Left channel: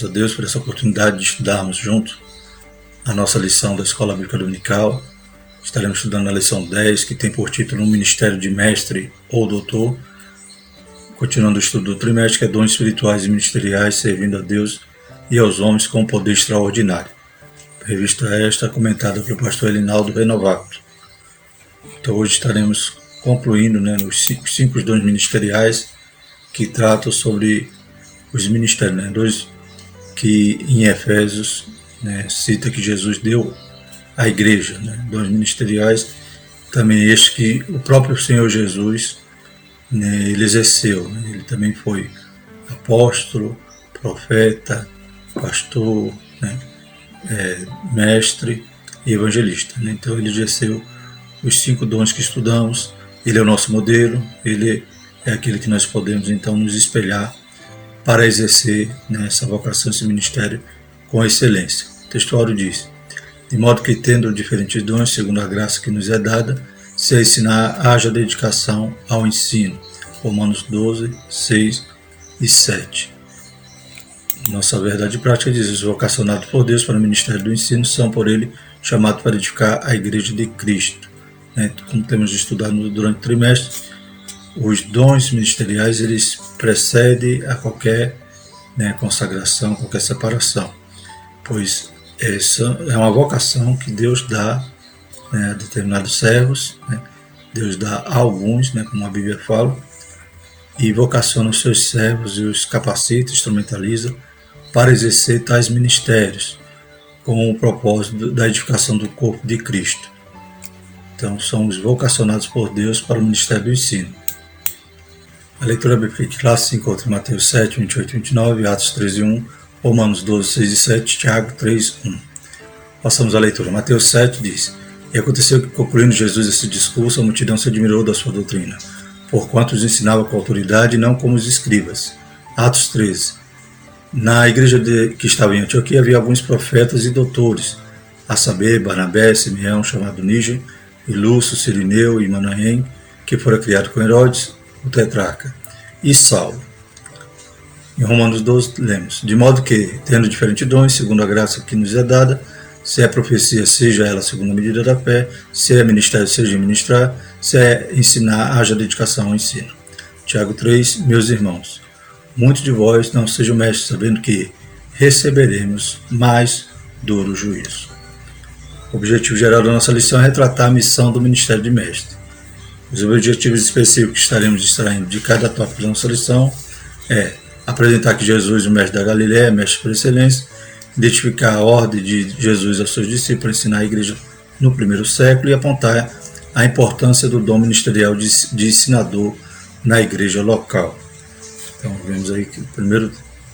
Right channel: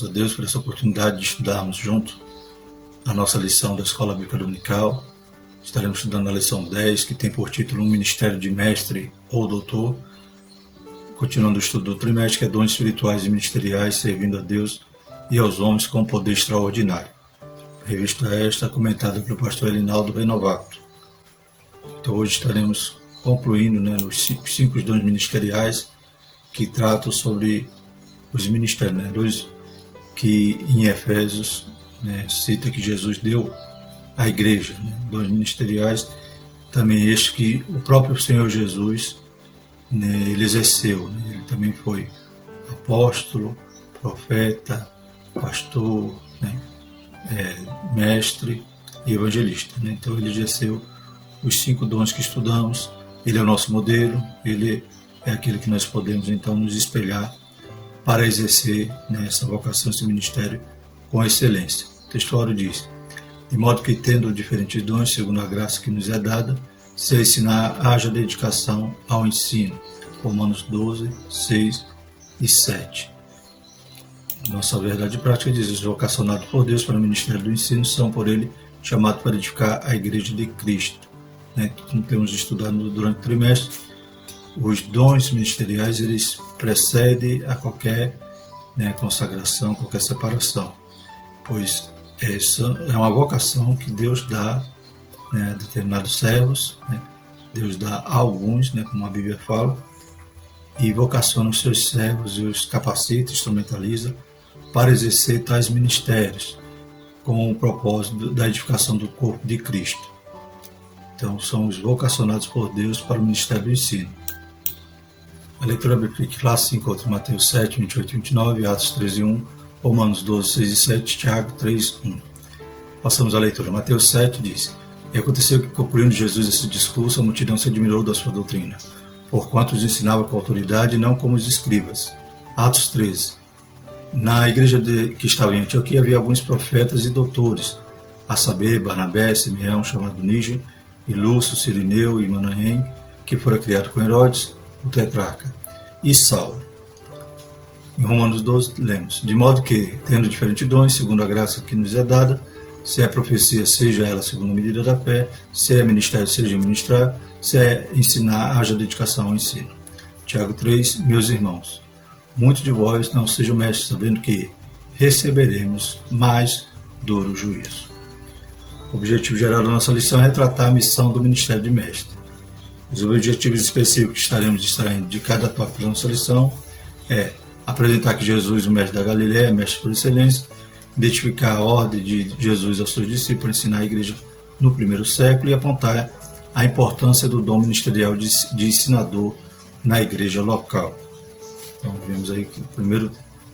Louvamos a Deus por essa oportunidade de estudarmos junto a nossa lição da Escola Bíblica Dominical. Estaremos estudando a lição 10, que tem por título um Ministério de Mestre ou Doutor. Continuando o estudo do trimestre, que é dons espirituais e ministeriais, servindo a Deus e aos homens com poder extraordinário. Revista esta comentada pelo pastor Elinaldo Renovato. Então hoje estaremos concluindo os cinco dons ministeriais que tratam sobre os ministérios, dois que em Efésios cita que Jesus deu à igreja, dons ministeriais, também este que o próprio Senhor Jesus ele exerceu, ele também foi apóstolo, profeta, pastor, mestre e evangelista. Então ele exerceu os 5 dons que estudamos, ele é o nosso modelo, ele é aquele que nós podemos então nos espelhar para exercer essa vocação, esse ministério com excelência. O textuário diz: de modo que, tendo diferentes dons, segundo a graça que nos é dada, se a ensinar, haja dedicação ao ensino. Romanos 12, 6 e 7. Nossa verdade prática diz: os vocacionados por Deus para o ministério do ensino são por ele chamados para edificar a igreja de Cristo. Como temos estudado durante o trimestre, os dons ministeriais eles precedem a qualquer consagração, qualquer separação, pois essa é uma vocação que Deus dá a determinados servos, Deus dá a alguns, como a Bíblia fala, e vocaciona os seus servos e os capacita, instrumentaliza para exercer tais ministérios com o propósito da edificação do corpo de Cristo. Então somos vocacionados por Deus para o ministério do ensino. A leitura bíblica que lá se encontra em Mateus 7, 28 e 29, Atos 13, 1, Romanos 12, 6 e 7, Tiago 3, 1. Passamos à leitura. Mateus 7 diz: E aconteceu que, concluindo Jesus esse discurso, a multidão se admirou da sua doutrina, porquanto os ensinava com autoridade, não como os escribas. Atos 13. Na igreja que estava em Antioquia havia alguns profetas e doutores, a saber, Barnabé, Simeão, chamado Níger, e Lúcio, Cirineu e Manaém, que fora criado com Herodes, o tetrarca, e Saulo. Em Romanos 12 lemos: de modo que, tendo diferentes dons, segundo a graça que nos é dada, se é profecia, seja ela segundo a medida da fé, se é ministério, seja ministrar, se é ensinar, haja dedicação ao ensino. Tiago 3, meus irmãos, muitos de vós não sejam mestres, sabendo que receberemos mais duro juízo. O objetivo geral da nossa lição é retratar a missão do ministério de mestre. Os objetivos específicos que estaremos extraindo de cada tópico da nossa lição é apresentar que Jesus, o mestre da Galileia, é mestre por excelência, identificar a ordem de Jesus aos seus discípulos, ensinar a igreja no primeiro século e apontar a importância do dom ministerial de ensinador na igreja local. Então vemos aí que o primeiro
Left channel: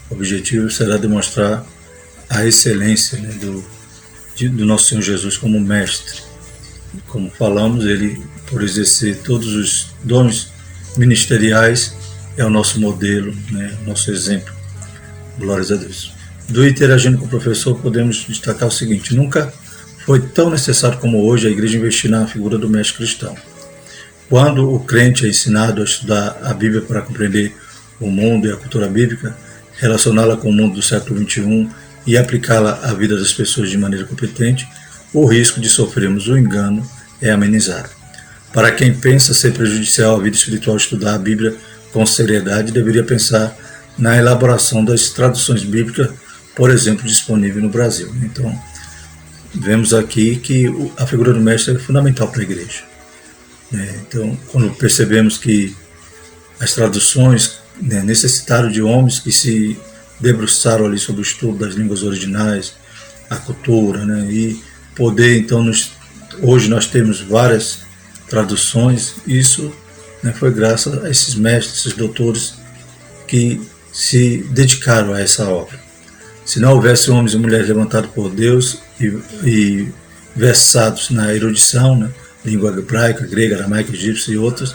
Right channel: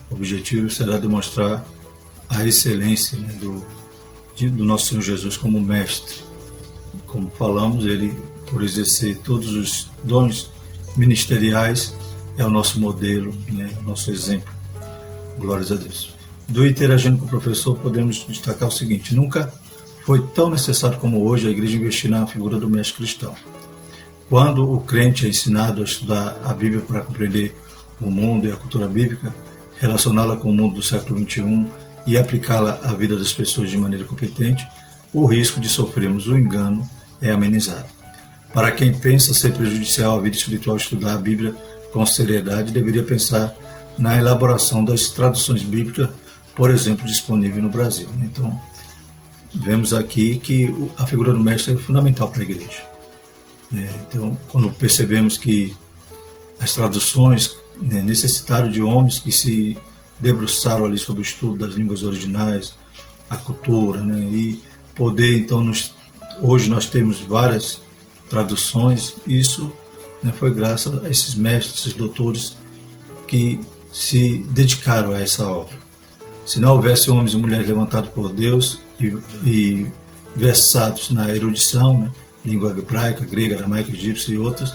objetivo será demonstrar a excelência do nosso Senhor Jesus como mestre. Como falamos, ele, por exercer todos os dons ministeriais, é o nosso modelo, nosso exemplo. Glórias a Deus. Do interagindo com o professor, podemos destacar o seguinte: nunca foi tão necessário como hoje a igreja investir na figura do mestre cristão. Quando o crente é ensinado a estudar a Bíblia para compreender o mundo e a cultura bíblica, relacioná-la com o mundo do século XXI e aplicá-la à vida das pessoas de maneira competente, o risco de sofrermos o engano é amenizado. Para quem pensa ser prejudicial à vida espiritual estudar a Bíblia com seriedade, deveria pensar na elaboração das traduções bíblicas, por exemplo, disponível no Brasil. Então, vemos aqui que a figura do mestre é fundamental para a igreja. Então, quando percebemos que as traduções necessitaram de homens que se debruçaram ali sobre o estudo das línguas originais, a cultura, e poder, então, hoje nós temos várias traduções. Isso foi graças a esses mestres, esses doutores que se dedicaram a essa obra. Se não houvesse homens e mulheres levantados por Deus e versados na erudição, língua hebraica, grega, aramaica, egípcia e outras,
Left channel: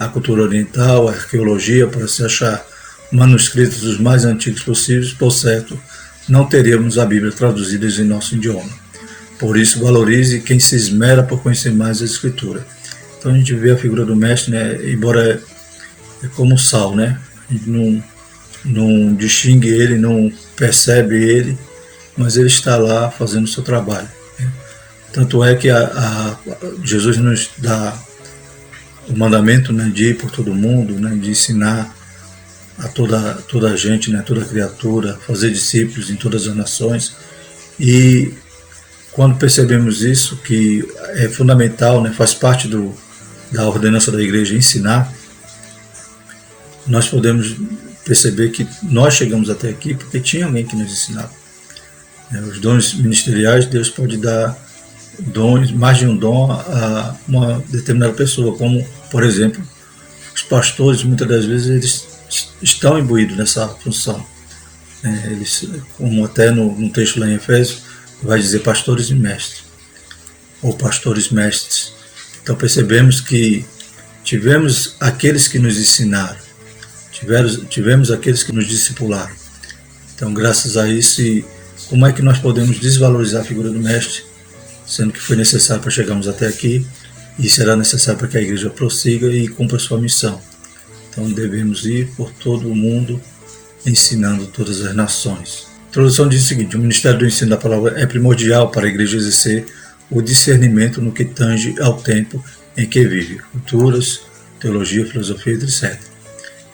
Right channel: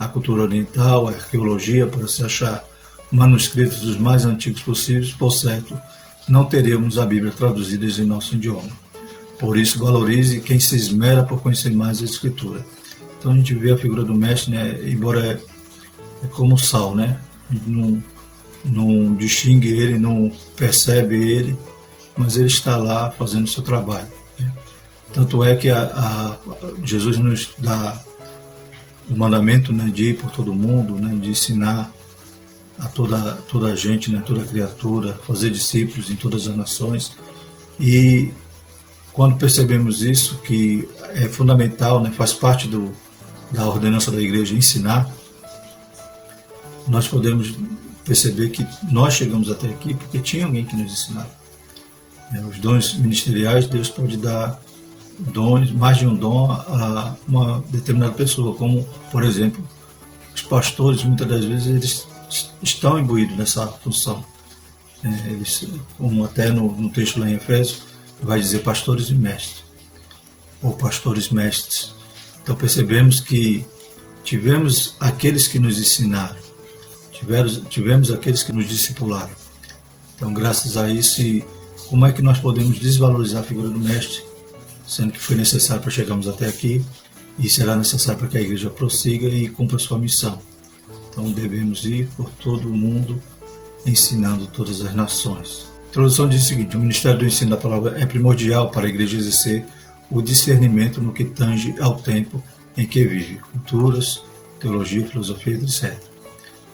a cultura oriental, a arqueologia, para se achar manuscritos dos mais antigos possíveis, por certo, não teríamos a Bíblia traduzida em nosso idioma. Por isso, valorize quem se esmera por conhecer mais a Escritura. Então a gente vê a figura do mestre, embora é como sal, a gente não não distingue ele, não percebe ele, mas ele está lá fazendo o seu trabalho. Tanto é que Jesus nos dá o mandamento, né, de ir por todo mundo, né, de ensinar a toda a gente, né, toda criatura, fazer discípulos em todas as nações. E quando percebemos isso, que é fundamental, né, faz parte da ordenança da igreja ensinar, nós podemos perceber que nós chegamos até aqui porque tinha alguém que nos ensinava. Os dons ministeriais, Deus pode dar dons, mais de um dom a uma determinada pessoa, como, por exemplo, os pastores, muitas das vezes, eles estão imbuídos nessa função. Eles, como até no texto lá em Efésios, vai dizer pastores e mestres, ou pastores mestres. Então percebemos que tivemos aqueles que nos ensinaram, tivemos aqueles que nos discipularam. Então, graças a isso, como é que nós podemos desvalorizar a figura do mestre, sendo que foi necessário para chegarmos até aqui e será necessário para que a igreja prossiga e cumpra a sua missão. Então devemos ir por todo o mundo ensinando todas as nações. A introdução diz o seguinte: o ministério do ensino da palavra é primordial para a igreja exercer o discernimento no que tange ao tempo em que vive, culturas, teologia, filosofia, etc.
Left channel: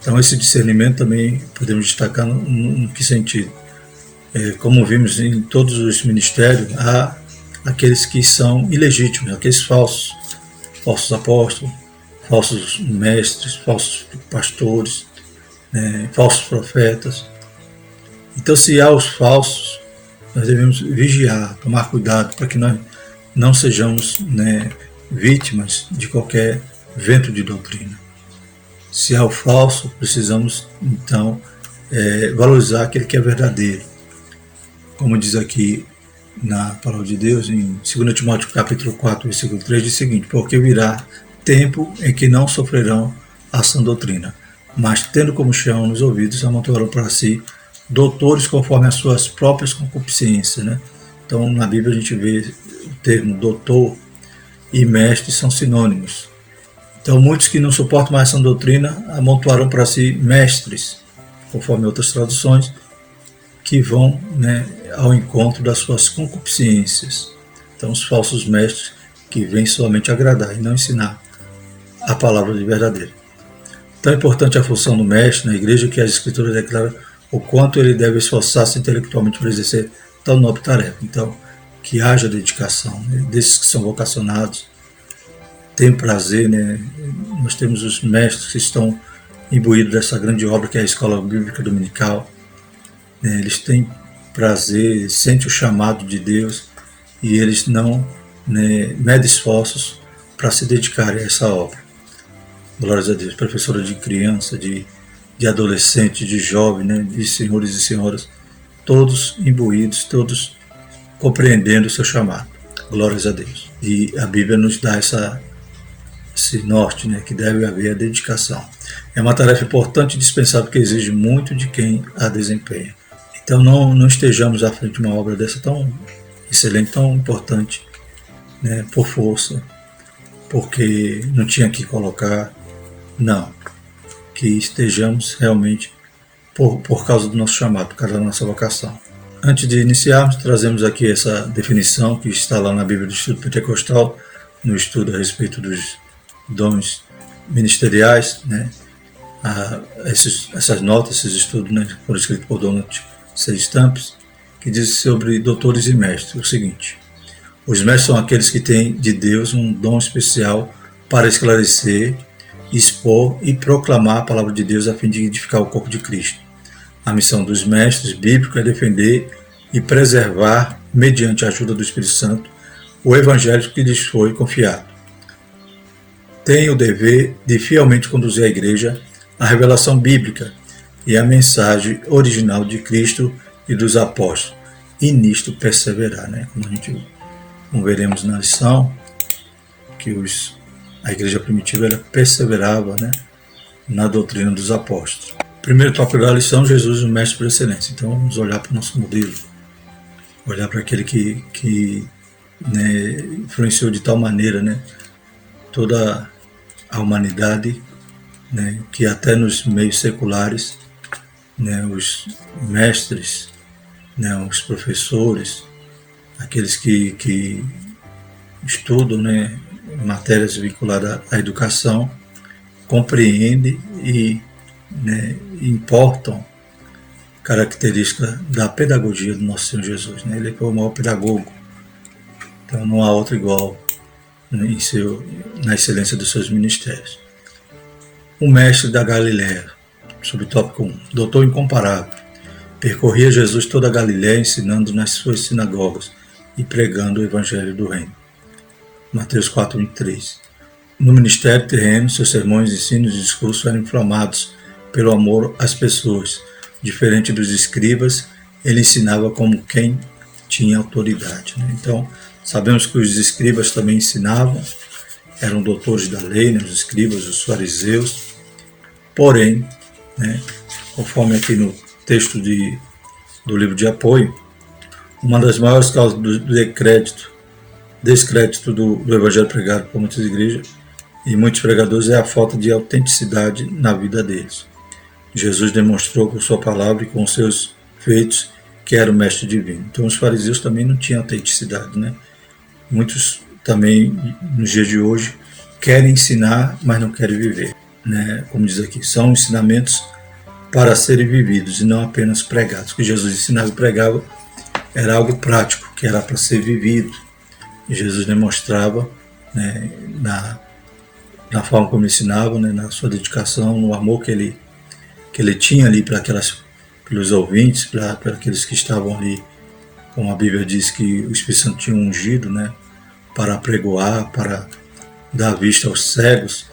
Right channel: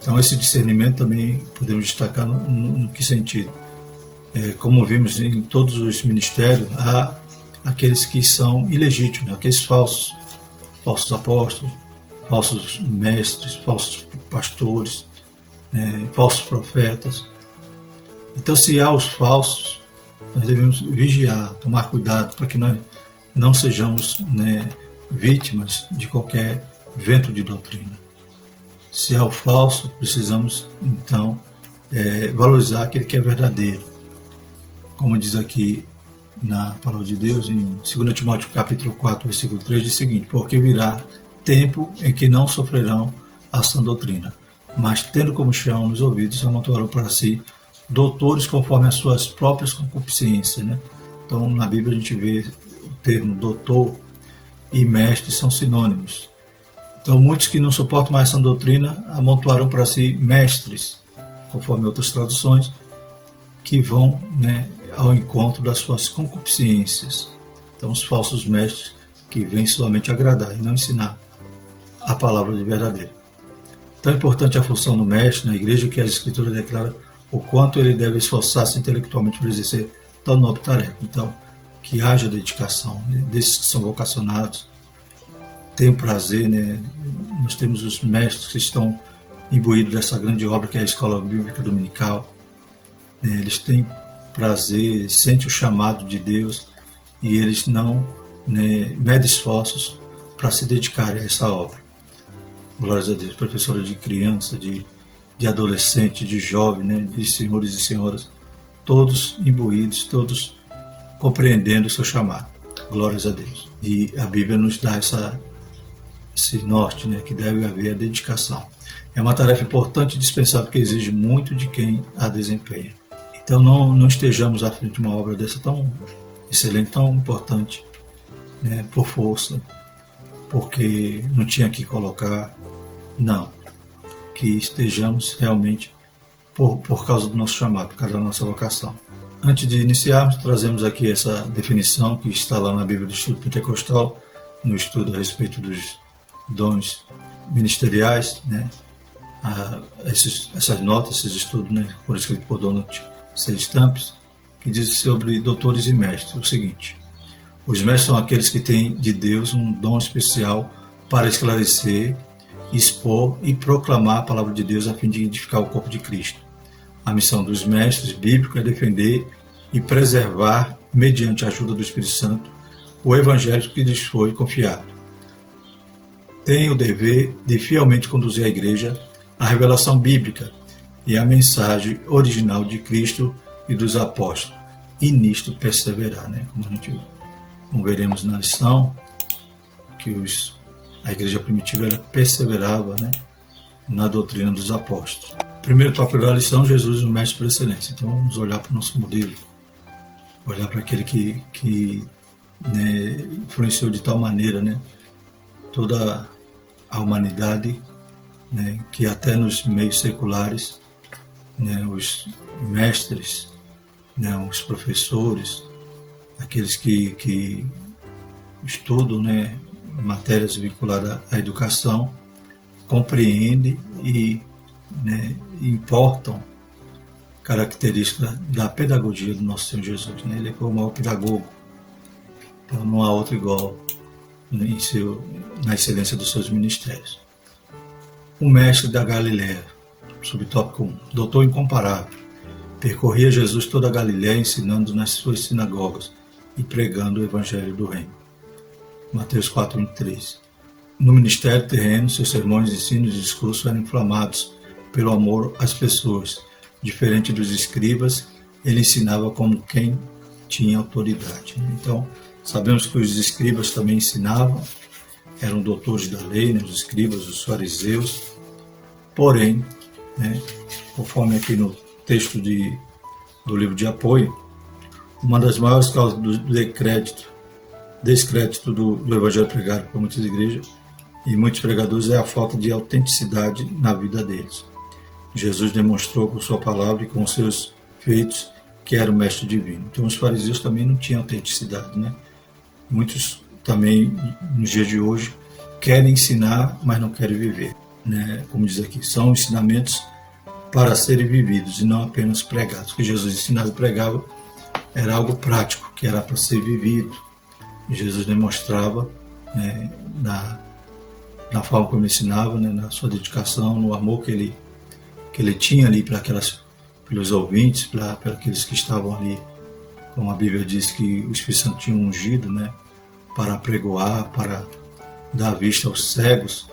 Então esse discernimento também podemos destacar no que sentido? Como vimos em todos os ministérios, há aqueles que são ilegítimos, aqueles falsos apóstolos, falsos mestres, falsos pastores, falsos profetas. Então, se há os falsos, nós devemos vigiar, tomar cuidado para que nós não sejamos, vítimas de qualquer vento de doutrina. Se há o falso, precisamos então valorizar aquele que é verdadeiro. Como diz aqui na palavra de Deus, em 2 Timóteo capítulo 4, versículo 3, diz o seguinte: porque virá tempo em que não sofrerão a sã doutrina, mas tendo como chão nos ouvidos, amontoarão para si doutores conforme as suas próprias concupiscências. Então, na Bíblia a gente vê o termo doutor e mestre são sinônimos. Então, muitos que não suportam mais essa doutrina amontoarão para si mestres, conforme outras traduções, que vão ao encontro das suas concupiscências. Então, os falsos mestres que vêm somente agradar e não ensinar a palavra de verdadeira. Tão importante a função do mestre na igreja que as escrituras declaram o quanto ele deve esforçar-se intelectualmente para exercer tão nobre tarefa. Então, que haja dedicação, desses que são vocacionados, tem prazer, nós temos os mestres que estão imbuídos dessa grande obra que é a Escola Bíblica Dominical. Eles têm prazer, sentem o chamado de Deus e eles não medem esforços para se dedicarem a essa obra. Glórias a Deus. Professora de criança, de adolescente, de jovem, de senhores e senhoras, todos imbuídos, todos compreendendo o seu chamado. Glórias a Deus. E a Bíblia nos dá esse norte, que deve haver a dedicação. É uma tarefa importante e dispensável que exige muito de quem a desempenha. Então não estejamos à frente de uma obra dessa tão excelente, tão importante, por força, porque não tinha que colocar, não. Que estejamos realmente por causa do nosso chamado, por causa da nossa vocação. Antes de iniciarmos, trazemos aqui essa definição que está lá na Bíblia do Instituto Pentecostal, no estudo a respeito dos dons ministeriais, essas notas, esses estudos, foram escritos por Donald C. Stamps, que diz sobre doutores e mestres o seguinte: os mestres são aqueles que têm de Deus um dom especial para esclarecer, expor e proclamar a palavra de Deus a fim de edificar o corpo de Cristo. A missão dos mestres bíblicos é defender e preservar, mediante a ajuda do Espírito Santo, o evangelho que lhes foi confiado. Tem o dever de fielmente conduzir a igreja à revelação bíblica e à mensagem original de Cristo e dos apóstolos, e nisto perseverar, como veremos na lição, que a igreja primitiva ela perseverava, na doutrina dos apóstolos. Primeiro tópico da lição: Jesus, o mestre por excelência. Então vamos olhar para o nosso modelo, olhar para aquele que influenciou de tal maneira, toda a humanidade, que até nos meios seculares né, os mestres, né, os professores, aqueles que estudam, né, matérias vinculadas à educação, compreendem e, né, importam características da pedagogia do nosso Senhor Jesus. Né? Ele foi o maior pedagogo, então não há outro igual, né, na excelência dos seus ministérios. O mestre da Galiléia, subtópico 1, doutor incomparável, percorria Jesus toda a Galiléia ensinando nas suas sinagogas e pregando o evangelho do reino. Mateus 4:23. No ministério terreno, seus sermões, ensinos e discursos eram inflamados pelo amor às pessoas. Diferente dos escribas, ele ensinava como quem tinha autoridade. Né? Então, sabemos que os escribas também ensinavam, eram doutores da lei, né? Os escribas, os fariseus. Porém, né, conforme aqui no texto do livro de apoio, uma das maiores causas do descrédito do evangelho pregado por muitas igrejas e muitos pregadores é a falta de autenticidade na vida deles. Jesus demonstrou com sua palavra e com seus feitos que era o mestre divino. Então os fariseus também não tinham autenticidade, né? Muitos também, nos dias de hoje, querem ensinar, mas não querem viver, né? Como diz aqui, são ensinamentos para serem vividos e não apenas pregados. O que Jesus ensinava e pregava era algo prático, que era para ser vivido. E Jesus demonstrava, né, na forma como ele ensinava, né, na sua dedicação, no amor que ele tinha ali pelos ouvintes, para aqueles que estavam ali, como a Bíblia diz que o Espírito Santo tinha ungido, né, para pregoar, para dar vista aos cegos.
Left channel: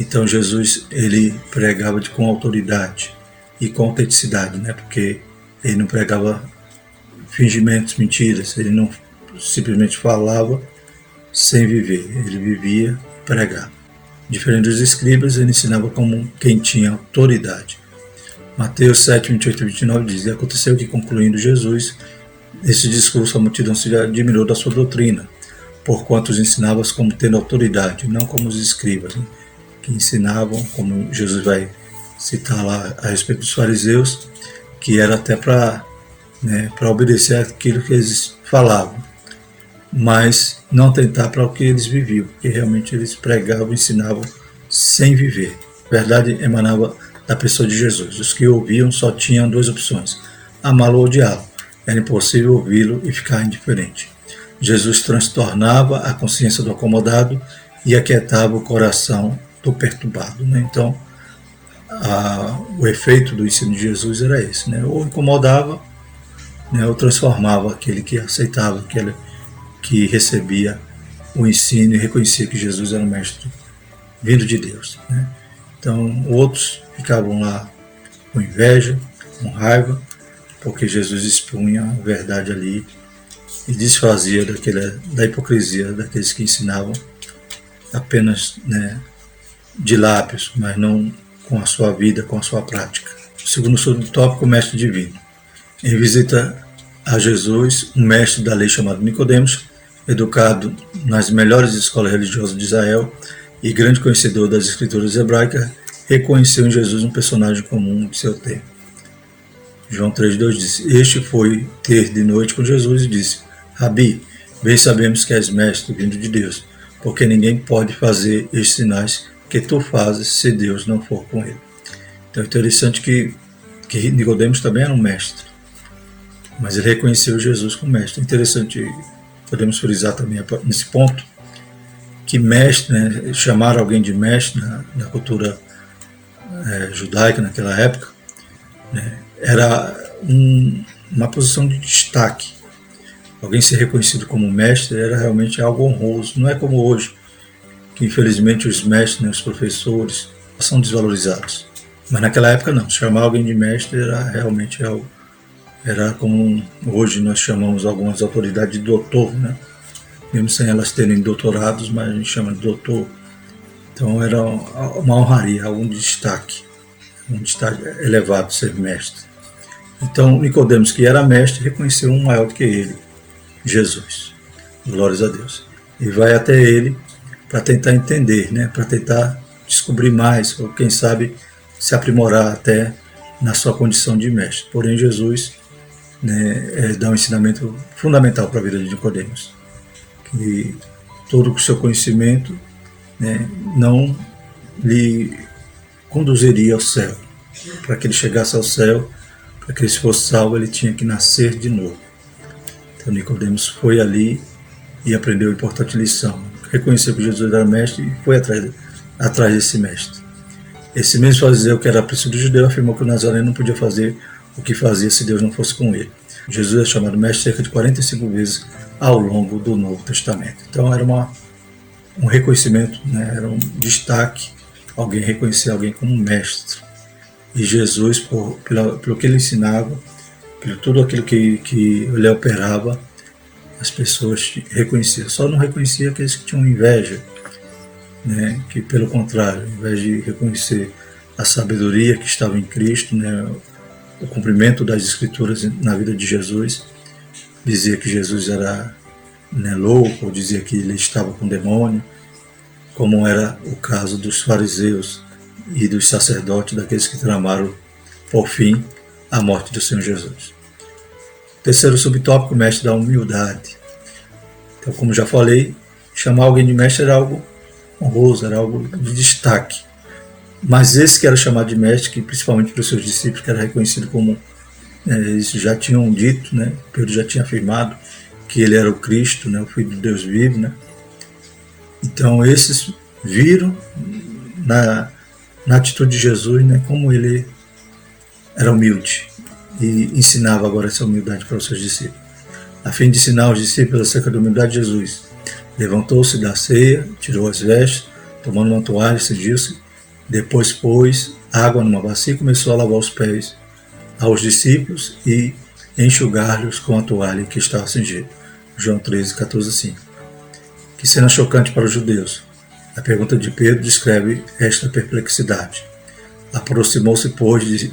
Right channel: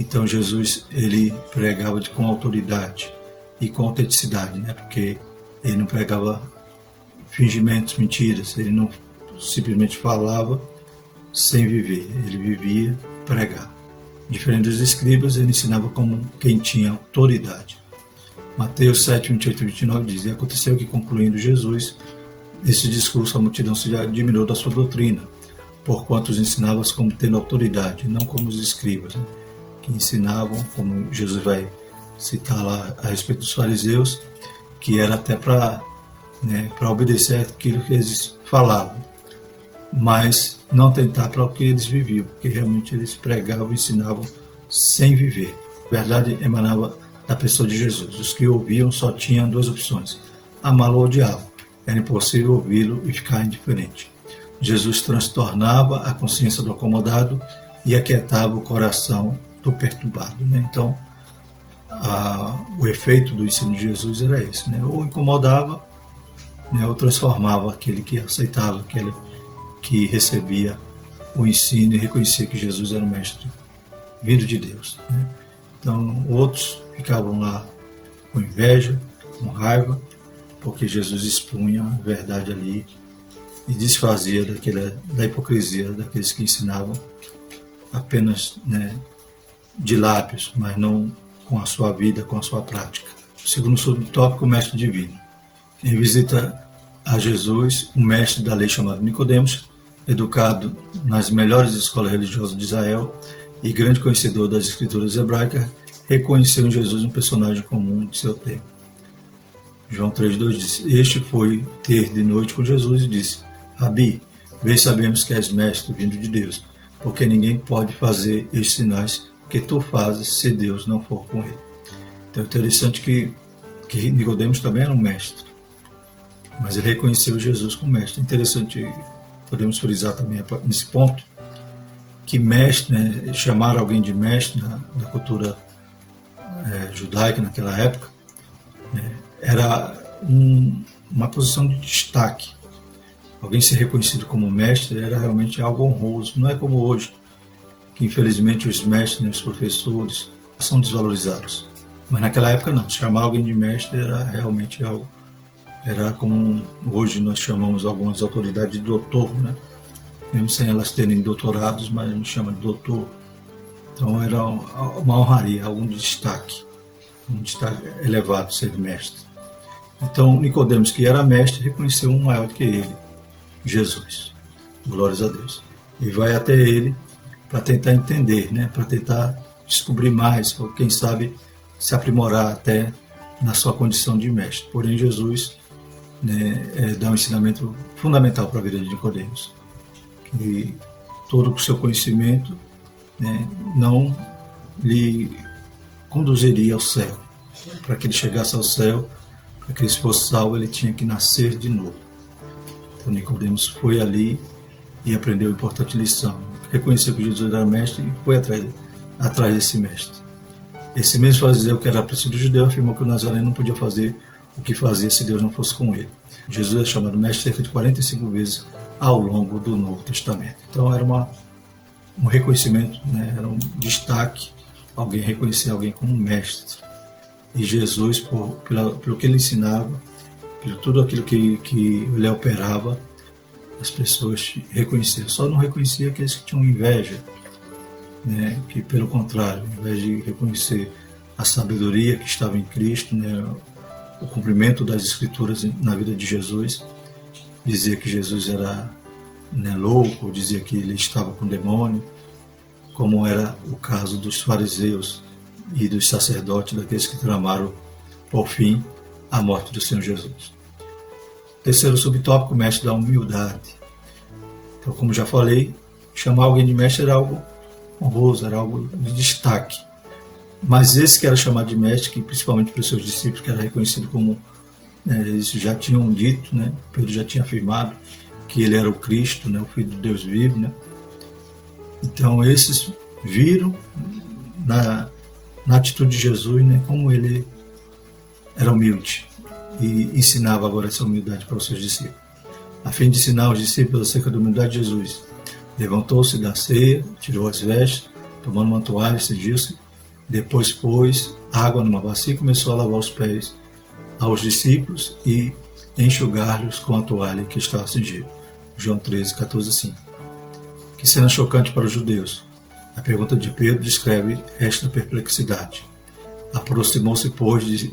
Então Jesus, ele pregava com autoridade e com autenticidade, né, porque ele não pregava fingimentos, mentiras, ele não simplesmente falava sem viver, ele vivia pregava. Diferente dos escribas, ele ensinava como quem tinha autoridade. Mateus 7, 28 e 29 diz: E aconteceu que, concluindo Jesus esse discurso, a multidão se admirou da sua doutrina, porquanto os ensinava como tendo autoridade, não como os escribas, né, que ensinavam, como Jesus vai citar lá a respeito dos fariseus, que era até para obedecer aquilo que eles falavam, mas não atentar para o que eles viviam, porque realmente eles pregavam, ensinavam sem viver. A verdade emanava da pessoa de Jesus. Os que ouviam só tinham duas opções: amá-lo ou odiá-lo. Era impossível ouvi-lo e ficar indiferente. Jesus transtornava a consciência do acomodado e aquietava o coração do perturbado. Né? Então, o efeito do ensino de Jesus era esse, né? Ou incomodava, né, ou transformava aquele que aceitava, aquele que recebia o ensino e reconhecia que Jesus era um mestre vindo de Deus. Né? Então, outros ficavam lá com inveja, com raiva, porque Jesus expunha a verdade ali e desfazia da hipocrisia daqueles que ensinavam apenas, né, de lábios, mas não com a sua vida, com a sua prática. Segundo subtópico, o mestre divino. Em visita a Jesus, um mestre da lei chamado Nicodemos, educado nas melhores escolas religiosas de Israel e grande conhecedor das escrituras hebraicas, reconheceu em Jesus um personagem comum de seu tempo. João 3,2 diz: Este foi ter de noite com Jesus e disse: Rabi, bem sabemos que és mestre vindo de Deus, porque ninguém pode fazer estes sinais que tu fazes se Deus não for com ele. Então é interessante que Nicodemos também era um mestre, mas ele reconheceu Jesus como mestre. É interessante, podemos frisar também nesse ponto, que mestre, né, chamar alguém de mestre na cultura judaica naquela época, né, era uma posição de destaque. Alguém ser reconhecido como mestre era realmente algo honroso. Não é como hoje, que infelizmente os mestres, né, os professores, são desvalorizados. Mas naquela época não, chamar alguém de mestre era realmente algo, era como hoje nós chamamos algumas autoridades de doutor, né? Mesmo sem elas terem doutorados, mas a gente chama de doutor. Então era uma honraria, algum destaque, um destaque elevado ser mestre. Então Nicodemos, que era mestre, reconheceu um maior do que ele, Jesus. Glórias a Deus. E vai até ele para tentar entender, né? Para tentar descobrir mais, ou quem sabe se aprimorar até na sua condição de mestre. Porém, Jesus, né, dá um ensinamento fundamental para a vida de Nicodemos, que todo o seu conhecimento, né, não lhe conduziria ao céu. Para que ele chegasse ao céu, para que ele fosse salvo, ele tinha que nascer de novo. Então Nicodemos foi ali e aprendeu a importante lição. Reconheceu que Jesus era mestre e foi atrás desse mestre. Esse mesmo fariseu, que era príncipe judeu, afirmou que o Nazareno não podia fazer o que fazia se Deus não fosse com ele. Jesus é chamado mestre cerca de 45 vezes ao longo do Novo Testamento. Então era um reconhecimento, né? Era um destaque, alguém reconhecer alguém como mestre. E Jesus, pelo que ele ensinava, por tudo aquilo que ele operava, as pessoas reconheciam. Só não reconhecia aqueles que tinham inveja, né? Que pelo contrário, ao invés de reconhecer a sabedoria que estava em Cristo, né? O cumprimento das Escrituras na vida de Jesus, dizia que Jesus era, né, louco, ou dizia que ele estava com demônio, como era o caso dos fariseus e dos sacerdotes, daqueles que tramaram, por fim, a morte do Senhor Jesus. Terceiro subtópico, mestre da humildade. Então, como já falei, chamar alguém de mestre era algo honroso, era algo de destaque. Mas esse que era chamado de mestre, que principalmente para os seus discípulos, que era reconhecido como, eles já tinham dito, né, Pedro já tinha afirmado que ele era o Cristo, né, o Filho de Deus vivo, né? Então esses viram na atitude de Jesus, né, como ele era humilde e ensinava agora essa humildade para os seus discípulos. A fim de ensinar os discípulos acerca da humildade de Jesus, levantou-se da ceia, tirou as vestes, tomando uma toalha, cingiu-se, depois pôs água numa bacia e começou a lavar os pés aos discípulos e enxugar-lhes com a toalha que estava cingida. João 13, 14, 5. Que cena chocante para os judeus. A pergunta de Pedro descreve esta perplexidade. Aproximou-se, pois, de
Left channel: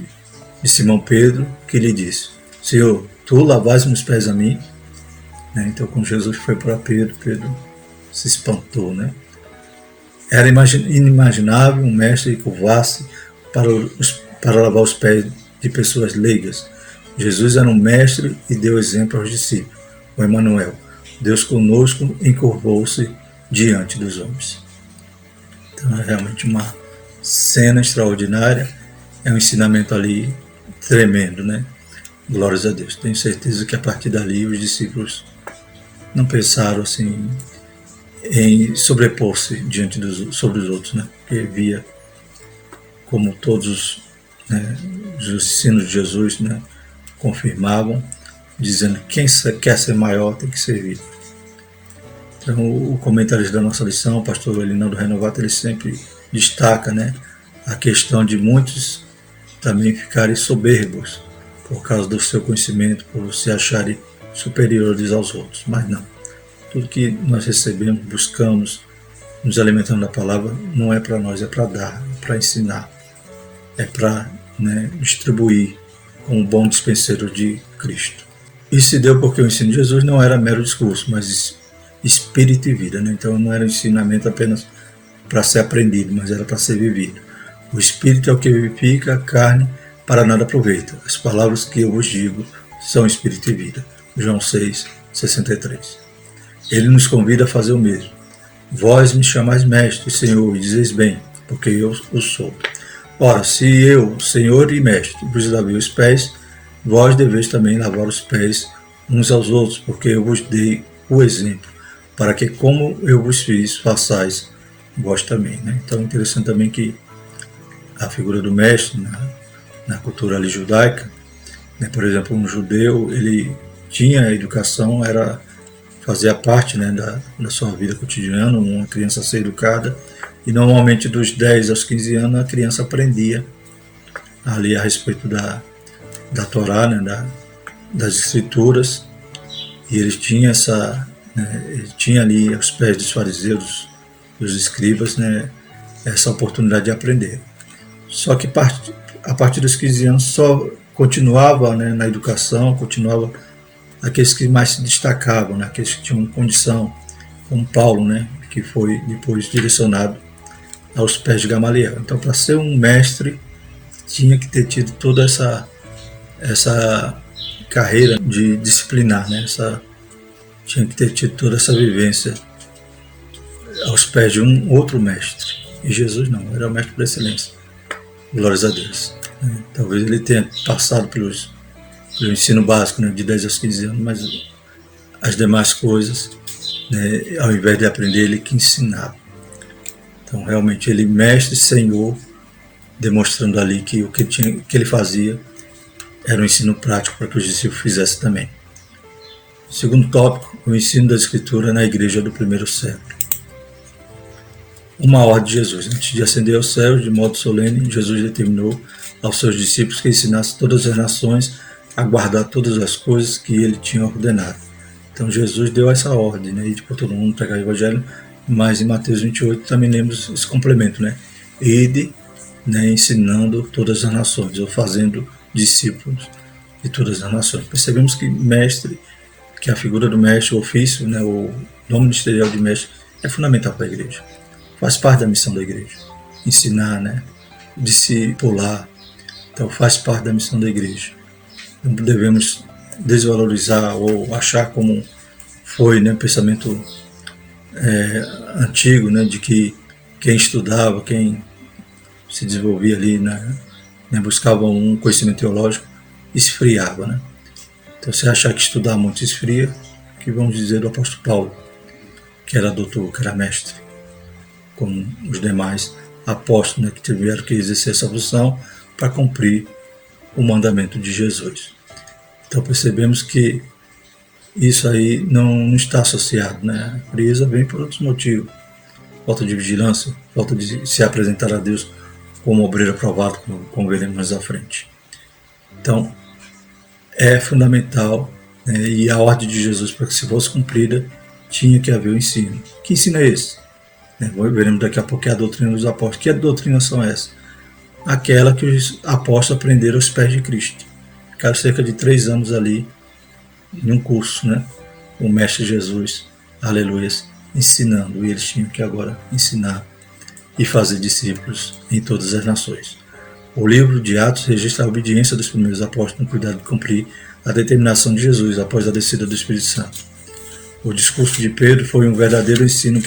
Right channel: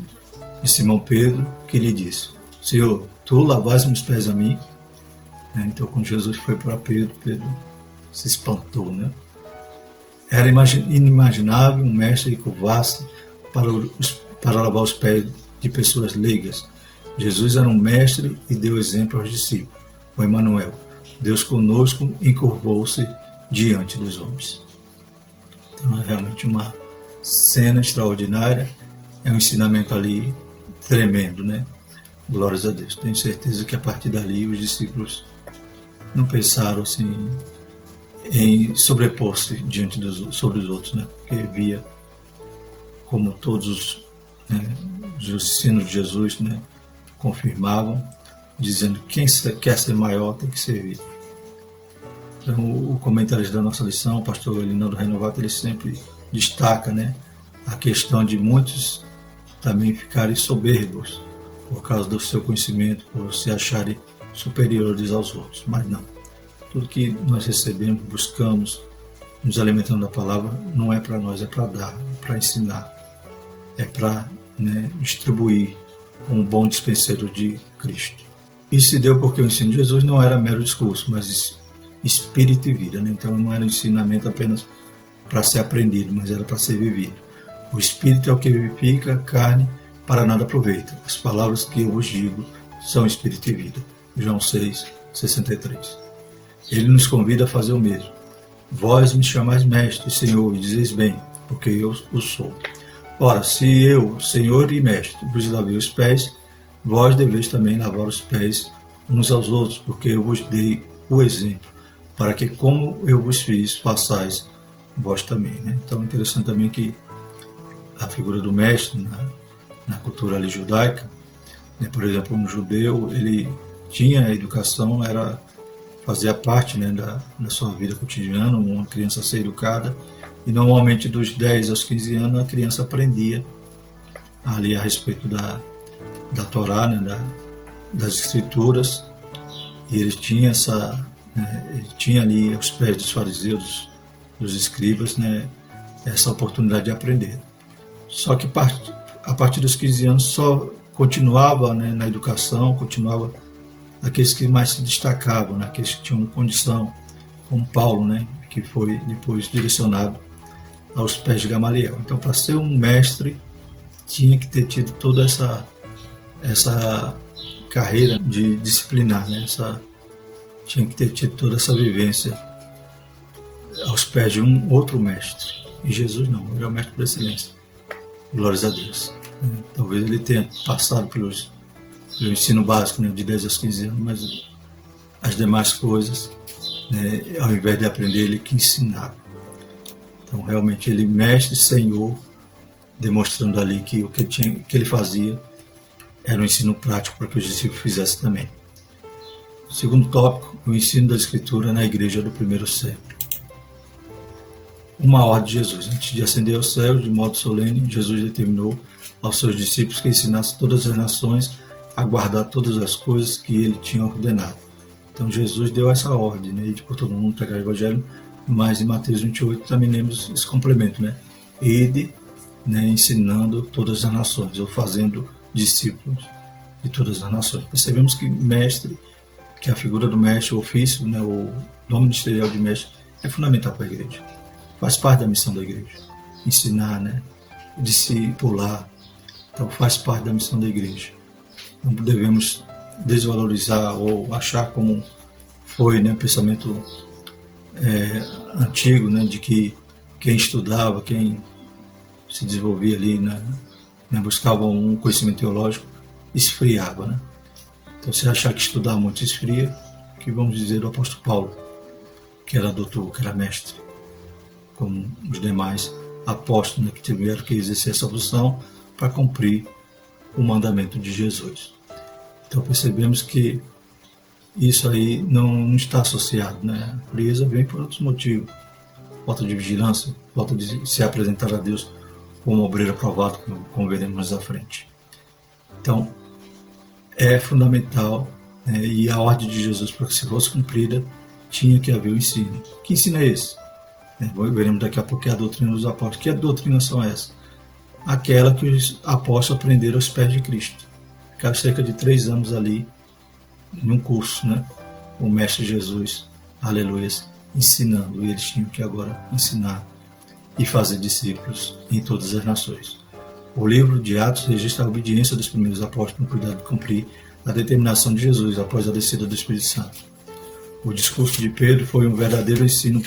Simão Pedro, que lhe disse: Senhor, tu lavas meus pés a mim? Então, quando Jesus foi para Pedro, Pedro se espantou, né? Era inimaginável um mestre curvar-se para lavar os pés de pessoas leigas. Jesus era um mestre e deu exemplo aos discípulos. O Emmanuel, Deus conosco, encurvou-se diante dos homens. Então é realmente uma cena extraordinária, é um ensinamento ali tremendo, né? Glórias a Deus. Tenho certeza que a partir dali os discípulos não pensaram assim em sobrepor-se sobre os outros, né? Porque via como todos, né, os ensinos de Jesus, né, confirmavam, dizendo que quem quer ser maior tem que servir. Então, o comentarista da nossa lição, o pastor Elinaldo Renovato, ele sempre destaca, né, a questão de muitos também ficarem soberbos por causa do seu conhecimento, por se acharem superiores aos outros. Mas não. Tudo que nós recebemos, buscamos, nos alimentando da palavra, não é para nós, é para dar, é para ensinar, é para, né, distribuir como um bom dispenseiro de Cristo. Isso se deu porque o ensino de Jesus não era mero discurso, mas espírito e vida, né? Então não era um ensinamento apenas para ser aprendido, mas era para ser vivido. O espírito é o que vivifica, a carne para nada aproveita. As palavras que eu vos digo são espírito e vida. João 6, 63. Ele nos convida a fazer o mesmo. Vós me chamais mestre, Senhor, e dizeis bem, porque eu o sou. Ora, se eu, Senhor e mestre, vos lavei os pés, vós deveis também lavar os pés uns aos outros, porque eu vos dei o exemplo, para que como eu vos fiz, façais vós também, né? Então é interessante também que a figura do mestre na cultura ali judaica, né? Por exemplo, um judeu, ele tinha a educação, fazia parte, né, da sua vida cotidiana, uma criança ser educada, e normalmente dos 10 aos 15 anos a criança aprendia ali a respeito da Torá, né, das escrituras, e ele tinha ele tinha ali aos pés dos fariseus, dos escribas, né, essa oportunidade de aprender. Só que a partir dos 15 anos só continuava, né, na educação, continuava aqueles que mais se destacavam, né, aqueles que tinham condição, como Paulo, né, que foi depois direcionado aos pés de Gamaliel. Então, para ser um mestre, tinha que ter tido toda essa carreira de disciplinar, né? Tinha que ter tido toda essa vivência aos pés de um outro mestre. E Jesus não, era o mestre por excelência. Glórias a Deus. Talvez ele tenha passado pelo ensino básico, né, de 10 aos 15 anos, mas as demais coisas, né, ao invés de aprender, ele que ensinava. Então, realmente, ele mestre, Senhor, demonstrando ali que o que ele fazia era um ensino prático para que os discípulos fizessem também. Segundo tópico, o ensino da Escritura na igreja do primeiro século. Uma ordem de Jesus. Antes de ascender aos céus, de modo solene, Jesus determinou aos seus discípulos que ensinassem todas as nações a guardar todas as coisas que ele tinha ordenado. Então Jesus deu essa ordem, né? Ir por todo mundo pregar o evangelho, mas em Mateus 28 também lemos esse complemento, né? Ide, né, ensinando todas as nações, ou fazendo discípulos de todas as nações. Percebemos que mestre, que a figura do mestre, o ofício, né, o nome ministerial de mestre, é fundamental para a igreja. Faz parte da missão da igreja. Ensinar, né, discipular. Então faz parte da missão da igreja. Não devemos desvalorizar ou achar como foi, né, o pensamento antigo, né, de que quem estudava, quem se desenvolvia ali, né, buscava um conhecimento teológico, esfriava, né? Então, se achar que estudar muito esfria, que vamos dizer do apóstolo Paulo, que era doutor, que era mestre, como os demais apóstolos, né, que tiveram que exercer essa função para cumprir o mandamento de Jesus. Então, percebemos que isso aí não está associado, né? A frieza vem por outros motivos. Falta de vigilância, falta de se apresentar a Deus como obreiro aprovado, como veremos mais à frente. Então, é fundamental, né, e a ordem de Jesus, para que se fosse cumprida, tinha que haver o ensino. Que ensino é esse? Veremos daqui a pouco a doutrina dos apóstolos. Que doutrinas são essas? Aquela que os apóstolos aprenderam aos pés de Cristo. Ficaram cerca de 3 anos ali, em um curso, né? O Mestre Jesus, aleluias, ensinando. E eles tinham que agora ensinar e fazer discípulos em todas as nações. O livro de Atos registra a obediência dos primeiros apóstolos no cuidado de cumprir a determinação de Jesus após a descida do Espírito Santo. O discurso de Pedro foi um verdadeiro ensino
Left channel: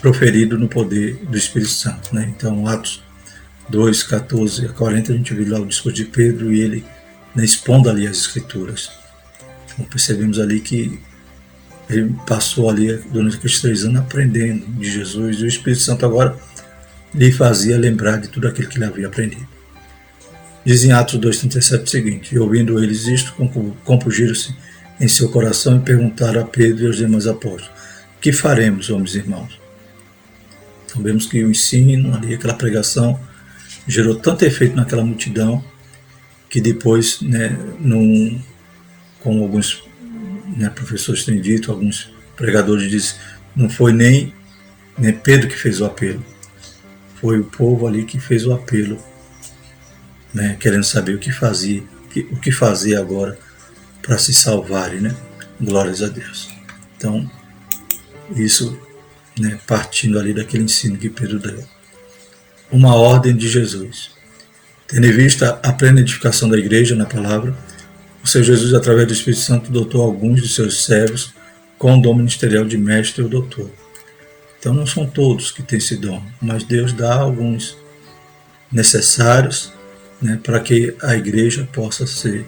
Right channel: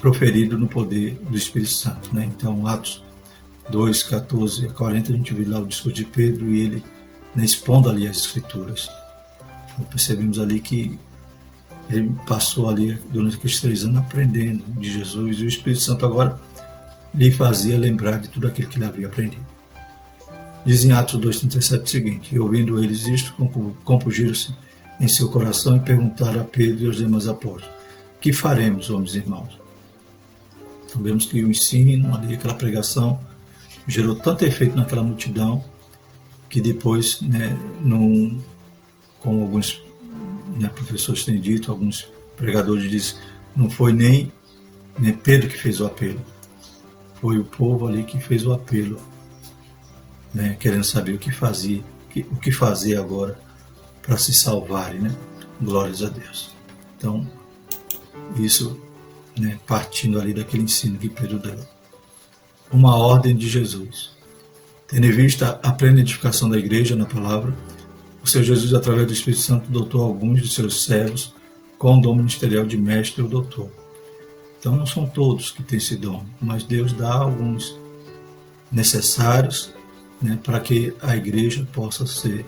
proferido no poder do Espírito Santo, né? Então, Atos 2, 14 a 40, a gente viu lá o discurso de Pedro e ele, né, expondo ali as Escrituras. Então, percebemos ali que ele passou ali durante aqueles 3 anos aprendendo de Jesus, e o Espírito Santo agora lhe fazia lembrar de tudo aquilo que ele havia aprendido. Diz em Atos 2,37 o seguinte: e ouvindo eles isto, compungiram-se em seu coração e perguntaram a Pedro e aos demais apóstolos: que faremos, homens e irmãos? Então vemos que o ensino ali, aquela pregação, gerou tanto efeito naquela multidão que depois, né, como alguns, né, professores têm dito, alguns pregadores dizem, não foi nem Pedro que fez o apelo, foi o povo ali que fez o apelo, né, querendo saber o que fazer agora para se salvarem, né? Glórias a Deus. Então, isso, né, partindo ali daquele ensino que Pedro deu. Uma ordem de Jesus. Tendo em vista a plena edificação da igreja na palavra, o Senhor Jesus, através do Espírito Santo, dotou alguns de seus servos com o dom ministerial de mestre ou doutor. Então, não são todos que têm esse dom, mas Deus dá alguns necessários, né, para que a igreja possa ser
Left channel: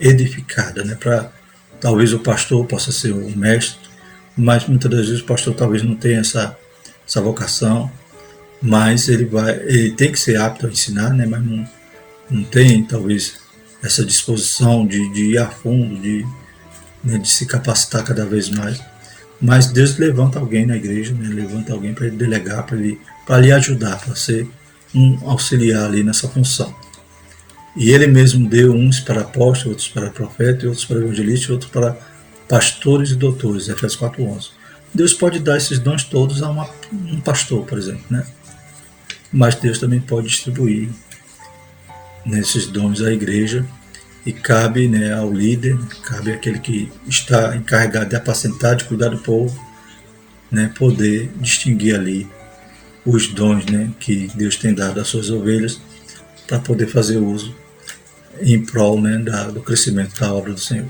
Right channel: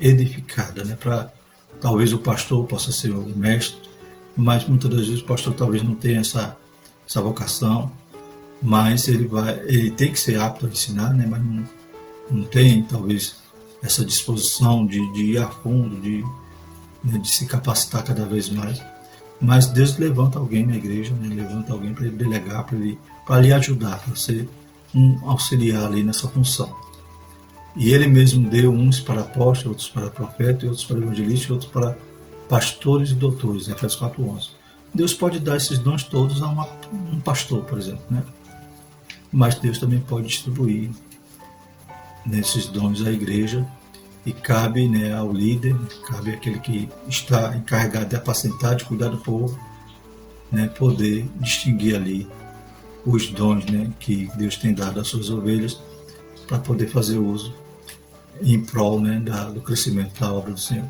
edificada, né, para talvez o pastor possa ser o mestre, mas muitas das vezes o pastor talvez não tenha essa vocação, mas ele tem que ser apto a ensinar, né, mas não tem talvez essa disposição de ir a fundo, de se capacitar cada vez mais. Mas Deus levanta alguém na igreja, né, levanta alguém para ele delegar, para lhe ajudar, para ser um auxiliar ali nessa função. E ele mesmo deu uns para apóstolos, outros para profetas, outros para evangelistas, outros para pastores e doutores, Efésios 4:11. Deus pode dar esses dons todos a um pastor, por exemplo, né? Mas Deus também pode distribuir nesses dons à igreja, e cabe, né, ao líder, cabe àquele que está encarregado de apacentar, de cuidar do povo, né, poder distinguir ali os dons, né, que Deus tem dado às suas ovelhas, para poder fazer uso em prol, né, do crescimento da obra do Senhor.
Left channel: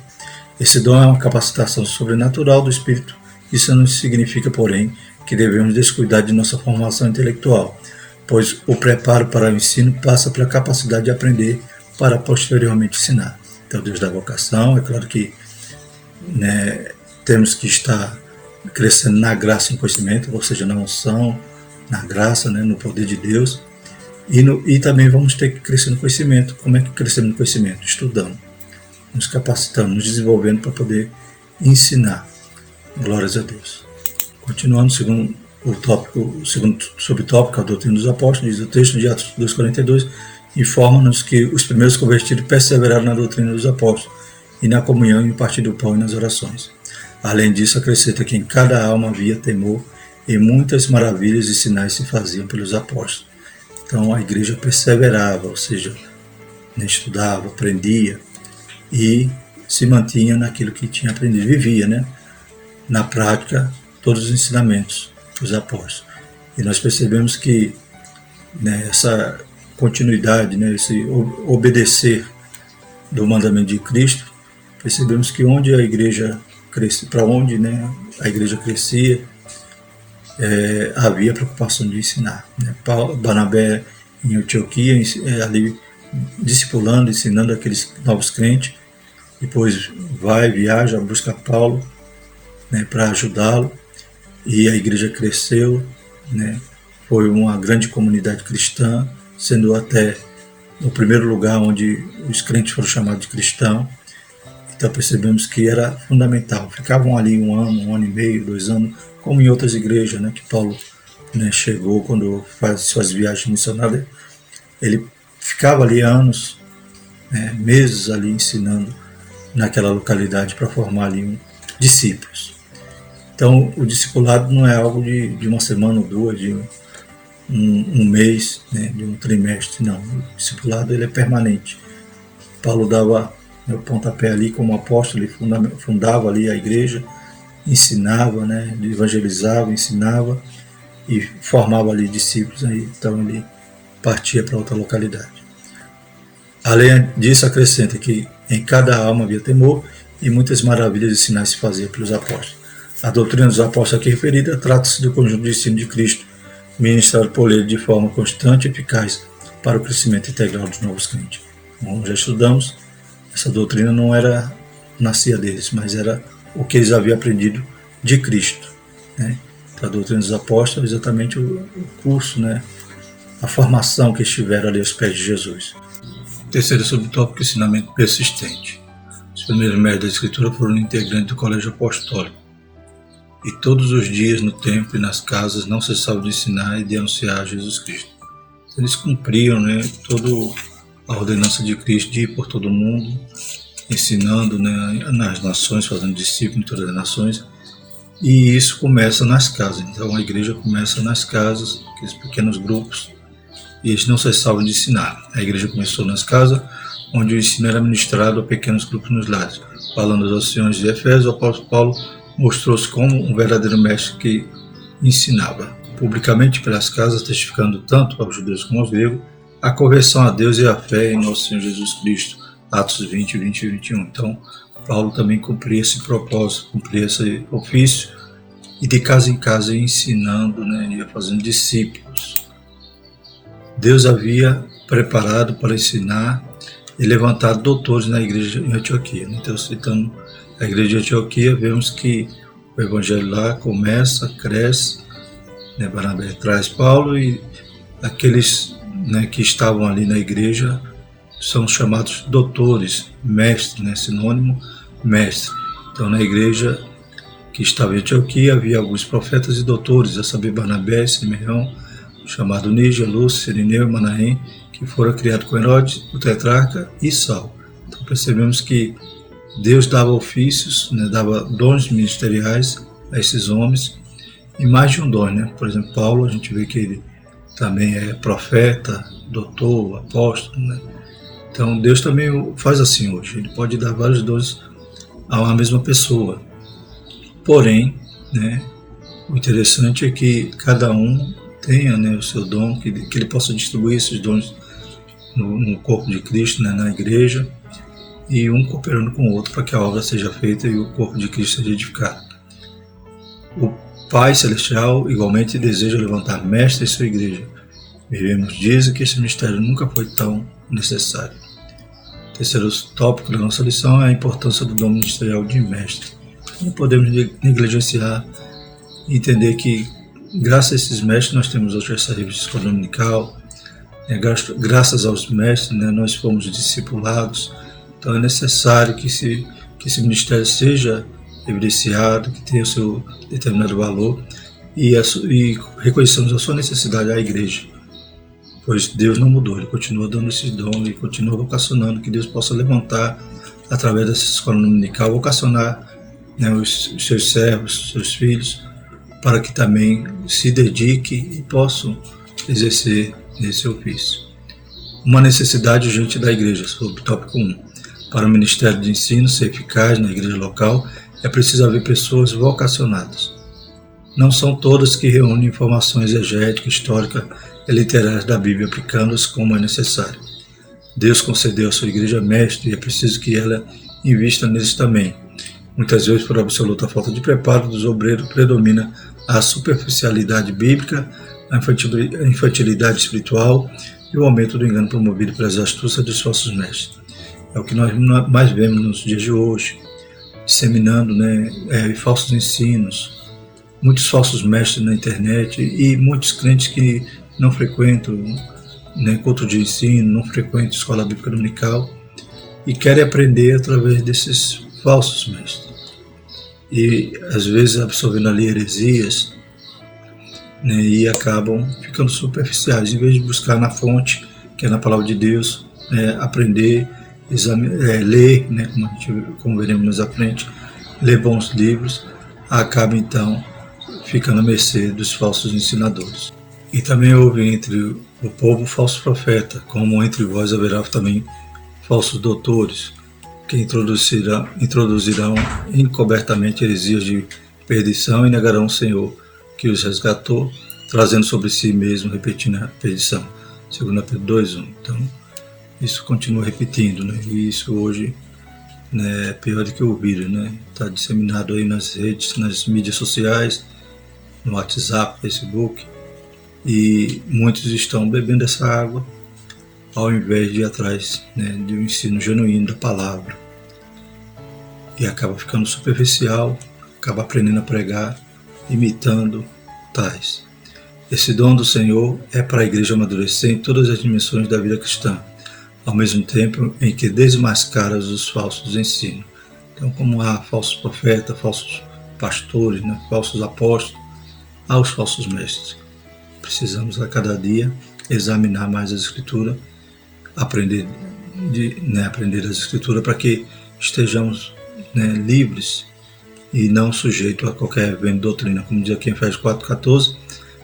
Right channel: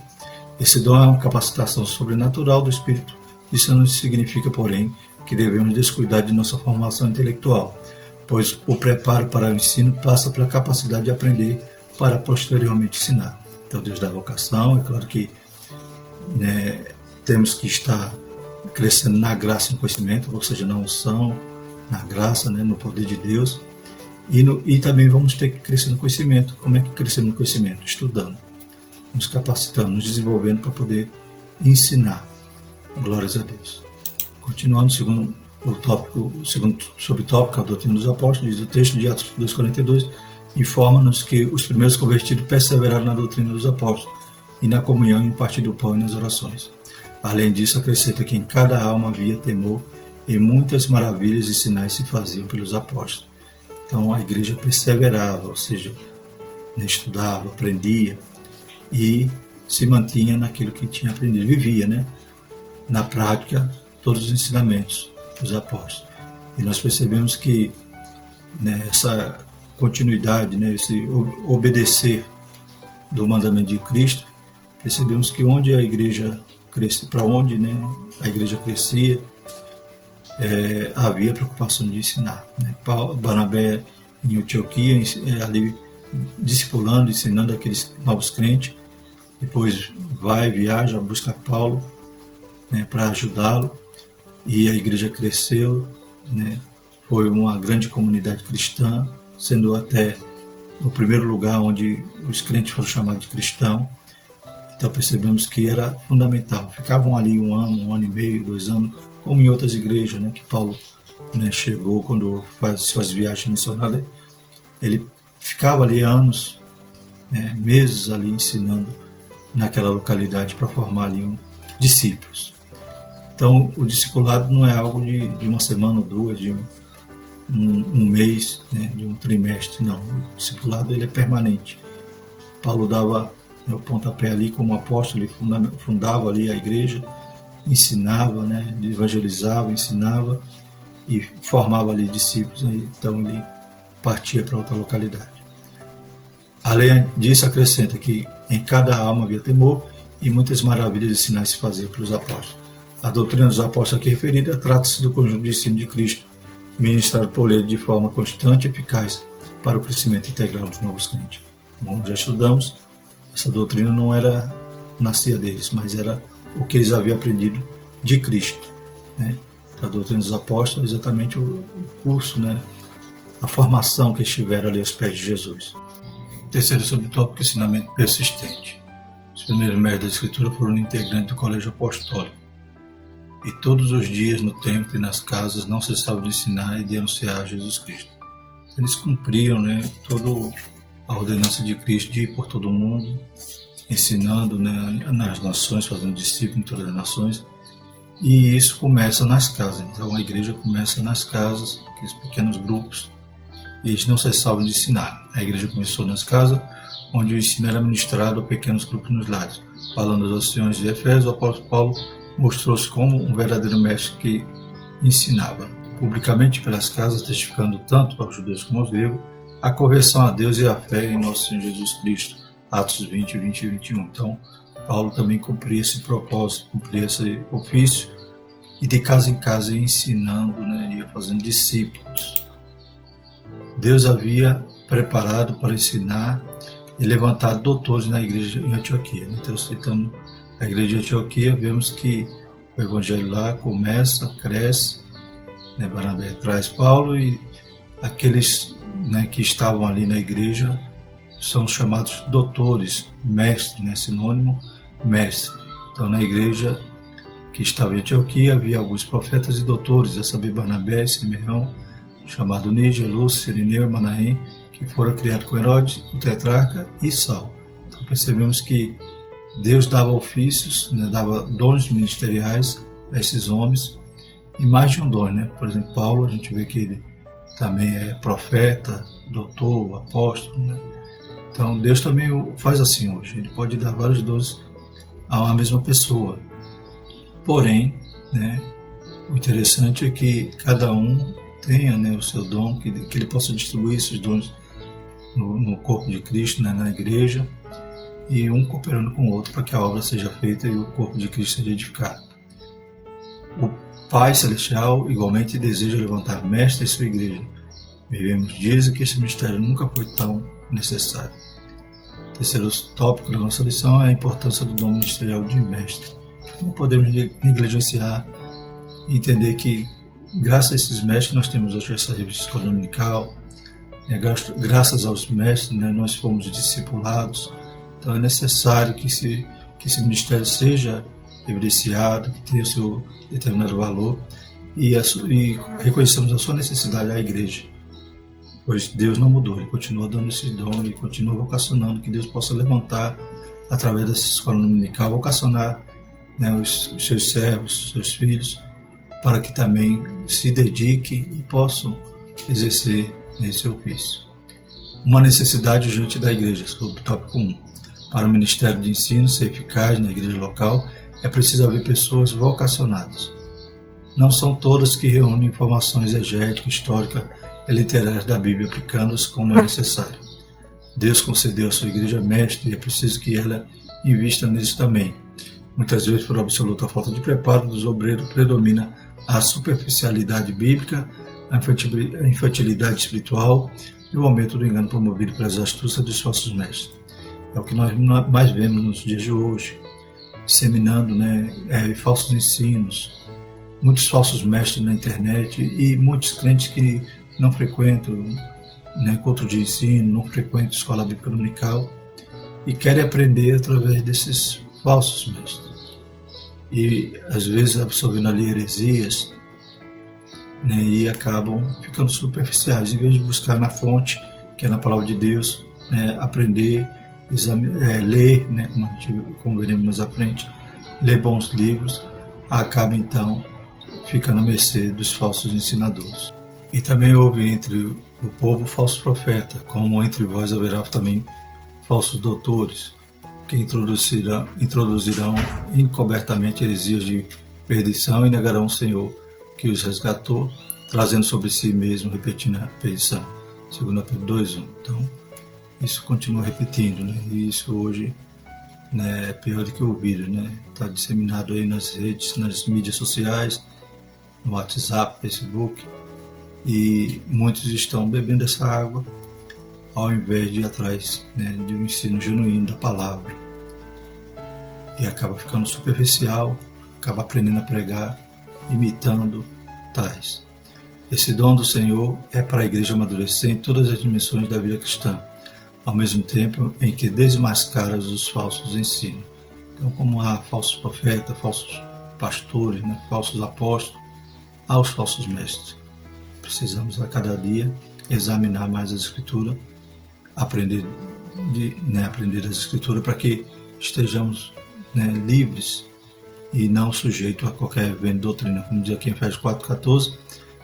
Esse dom é uma capacitação sobrenatural do Espírito. Isso não significa, porém, que devemos descuidar de nossa formação intelectual, pois o preparo para o ensino passa pela capacidade de aprender para posteriormente ensinar. Então, Deus dá vocação, é claro que, né, temos que estar crescendo na graça e no conhecimento, ou seja, na unção, na graça, né, no poder de Deus, e também vamos ter que crescer no conhecimento. Como é que crescemos no conhecimento? Estudando, nos capacitando, nos desenvolvendo para poder ensinar. Glórias a Deus. Continuando, segundo o tópico, o segundo subtópico, a doutrina dos apóstolos, diz o texto de Atos 2,42, informa-nos que os primeiros convertidos perseveraram na doutrina dos apóstolos e na comunhão e no partir do pão e nas orações. Além disso, acrescenta que em cada alma havia temor e muitas maravilhas e sinais se faziam pelos apóstolos. Então a igreja perseverava, ou seja, estudava, aprendia e se mantinha naquilo que tinha aprendido, vivia, né, na prática todos os ensinamentos dos apóstolos. E nós percebemos que, né, essa continuidade, né, esse obedecer do mandamento de Cristo, percebemos que onde a igreja crescia, para onde, né, a igreja crescia, havia preocupação de ensinar, né? Barnabé em Antioquia, ali discipulando, ensinando aqueles novos crentes, depois viaja, busca Paulo, né, para ajudá-lo, e a igreja cresceu, né? Foi uma grande comunidade cristã, sendo até no primeiro lugar onde os crentes foram chamados de cristão. Então percebemos que era fundamental. Ficavam ali um ano e meio, 2 anos, como em outras igrejas, né, que Paulo, né, chegou quando faz suas viagens missionárias. Ele ficava ali anos, né, meses ali ensinando naquela localidade para formar ali discípulos. Então o discipulado não é algo de uma semana ou duas, de um mês, né, de um trimestre, não. O discipulado ele é permanente. Paulo dava o pontapé ali como apóstolo, ele fundava ali a igreja, ensinava, né, evangelizava, ensinava e formava ali discípulos, aí, então ele partia para outra localidade. Além disso, acrescenta que em cada alma havia temor e muitas maravilhas e sinais se faziam pelos apóstolos. A doutrina dos apóstolos aqui referida trata-se do conjunto de ensino de Cristo, ministrado por ele de forma constante e eficaz para o crescimento integral dos novos crentes. Como já estudamos, essa doutrina não nascia deles, mas era o que eles haviam aprendido de Cristo, né? A doutrina dos apóstolos é exatamente o curso, né, a formação que estiveram ali aos pés de Jesus. Terceiro subtópico, ensinamento persistente. Os primeiros mestres da Escritura foram integrantes do colégio apostólico, e todos os dias no templo e nas casas não cessavam de ensinar e de anunciar Jesus Cristo. Eles cumpriam, né, toda a ordenança de Cristo de ir por todo mundo, ensinando, né, nas nações, fazendo discípulos em todas as nações, e isso começa nas casas. Então a igreja começa nas casas, aqueles pequenos grupos, e eles não cessavam de ensinar. A igreja começou nas casas, onde o ensino era ministrado a pequenos grupos nos lares. Falando das anciões de Efésios, o apóstolo Paulo mostrou-se como um verdadeiro mestre que ensinava publicamente pelas casas, testificando tanto aos judeus como aos gregos a conversão a Deus e a fé em nosso Senhor Jesus Cristo. Atos 20, 20 e 21. Então, Paulo também cumpria esse propósito, cumpria esse ofício, e de casa em casa ia ensinando, né, ia fazendo discípulos. Deus havia preparado para ensinar e levantar doutores na igreja em Antioquia. Então, citando a igreja de Antioquia, vemos que o evangelho lá começa, cresce, né, Barnabé traz Paulo, e aqueles, né, que estavam ali na igreja são chamados doutores, mestre, né, sinônimo, mestre. Então, na igreja que estava em Antioquia, havia alguns profetas e doutores, a saber, Barnabé, Simeão, chamado Níger, Lúcio, Cirineu e Manaém, que foram criados com Herodes, o tetrarca e Saulo. Então, percebemos que Deus dava ofícios, né, dava dons ministeriais a esses homens, e mais de um dom, né? Por exemplo, Paulo, a gente vê que ele também é profeta, doutor, apóstolo, né? Então, Deus também faz assim hoje. Ele pode dar vários dons a uma mesma pessoa. Porém, né, o interessante é que cada um tenha, né, o seu dom, que ele possa distribuir esses dons no corpo de Cristo, né, na igreja, e um cooperando com o outro para que a obra seja feita e o corpo de Cristo seja edificado. O Pai Celestial igualmente deseja levantar mestres em sua igreja. Vivemos dias em que esse mistério nunca foi tão necessário. O terceiro tópico da nossa lição é a importância do dom ministerial de mestre. Não podemos negligenciar e entender que, graças a esses mestres, nós temos hoje essa revista escola dominical, graças aos mestres, né, nós fomos discipulados. Então é necessário que esse ministério seja evidenciado, que tenha o seu determinado valor e reconheçamos a sua necessidade à igreja, pois Deus não mudou, Ele continua dando esse dom, Ele continua vocacionando, que Deus possa levantar através dessa escola dominical, vocacionar, né, os seus servos, os seus filhos, para que também se dediquem e possam exercer nesse ofício. Uma necessidade urgente da igreja, sobre o tópico 1. Para o ministério de ensino ser eficaz na igreja local, é preciso haver pessoas vocacionadas. Não são todas que reúnem informações exegéticas, históricas e literárias da Bíblia, aplicando-as como é necessário. Deus concedeu à sua igreja mestre e é preciso que ela invista neles também. Muitas vezes, por absoluta falta de preparo dos obreiros, predomina a superficialidade bíblica, a infantilidade espiritual e o aumento do engano promovido pelas astúcias dos falsos mestres. É o que nós mais vemos nos dias de hoje, disseminando, né, falsos ensinos, muitos falsos mestres na internet e muitos crentes que não frequentam, né, culto de ensino, não frequentam escola bíblica dominical e querem aprender através desses falsos mestres. E às vezes absorvendo ali heresias, né, e acabam ficando superficiais, em vez de buscar na fonte, que é na palavra de Deus, aprender, ler, né, como veremos mais à frente, ler bons livros, acaba então ficando à mercê dos falsos ensinadores. E também houve entre o povo falso profeta, como entre vós haverá também falsos doutores, que introduzirão encobertamente heresias de perdição e negarão o Senhor que os resgatou, trazendo sobre si mesmo, repetindo a perdição. 2 Pedro 2:1. Então, isso continua repetindo, né? E isso hoje, né, é pior do que o vírus, né? Está disseminado aí nas redes, nas mídias sociais, no WhatsApp, Facebook, e muitos estão bebendo essa água ao invés de ir atrás, né, de um ensino genuíno da palavra. E acaba ficando superficial, acaba aprendendo a pregar, imitando tais. Esse dom do Senhor é para a igreja amadurecer em todas as dimensões da vida cristã, ao mesmo tempo em que desmascara os falsos ensinos. Então, como há falsos profetas, falsos pastores, né, falsos apóstolos, há os falsos mestres. Precisamos a cada dia examinar mais as Escrituras, aprender as Escrituras para que estejamos, né, livres e não sujeitos a qualquer vento de doutrina, como diz aqui em Efésios 4:14,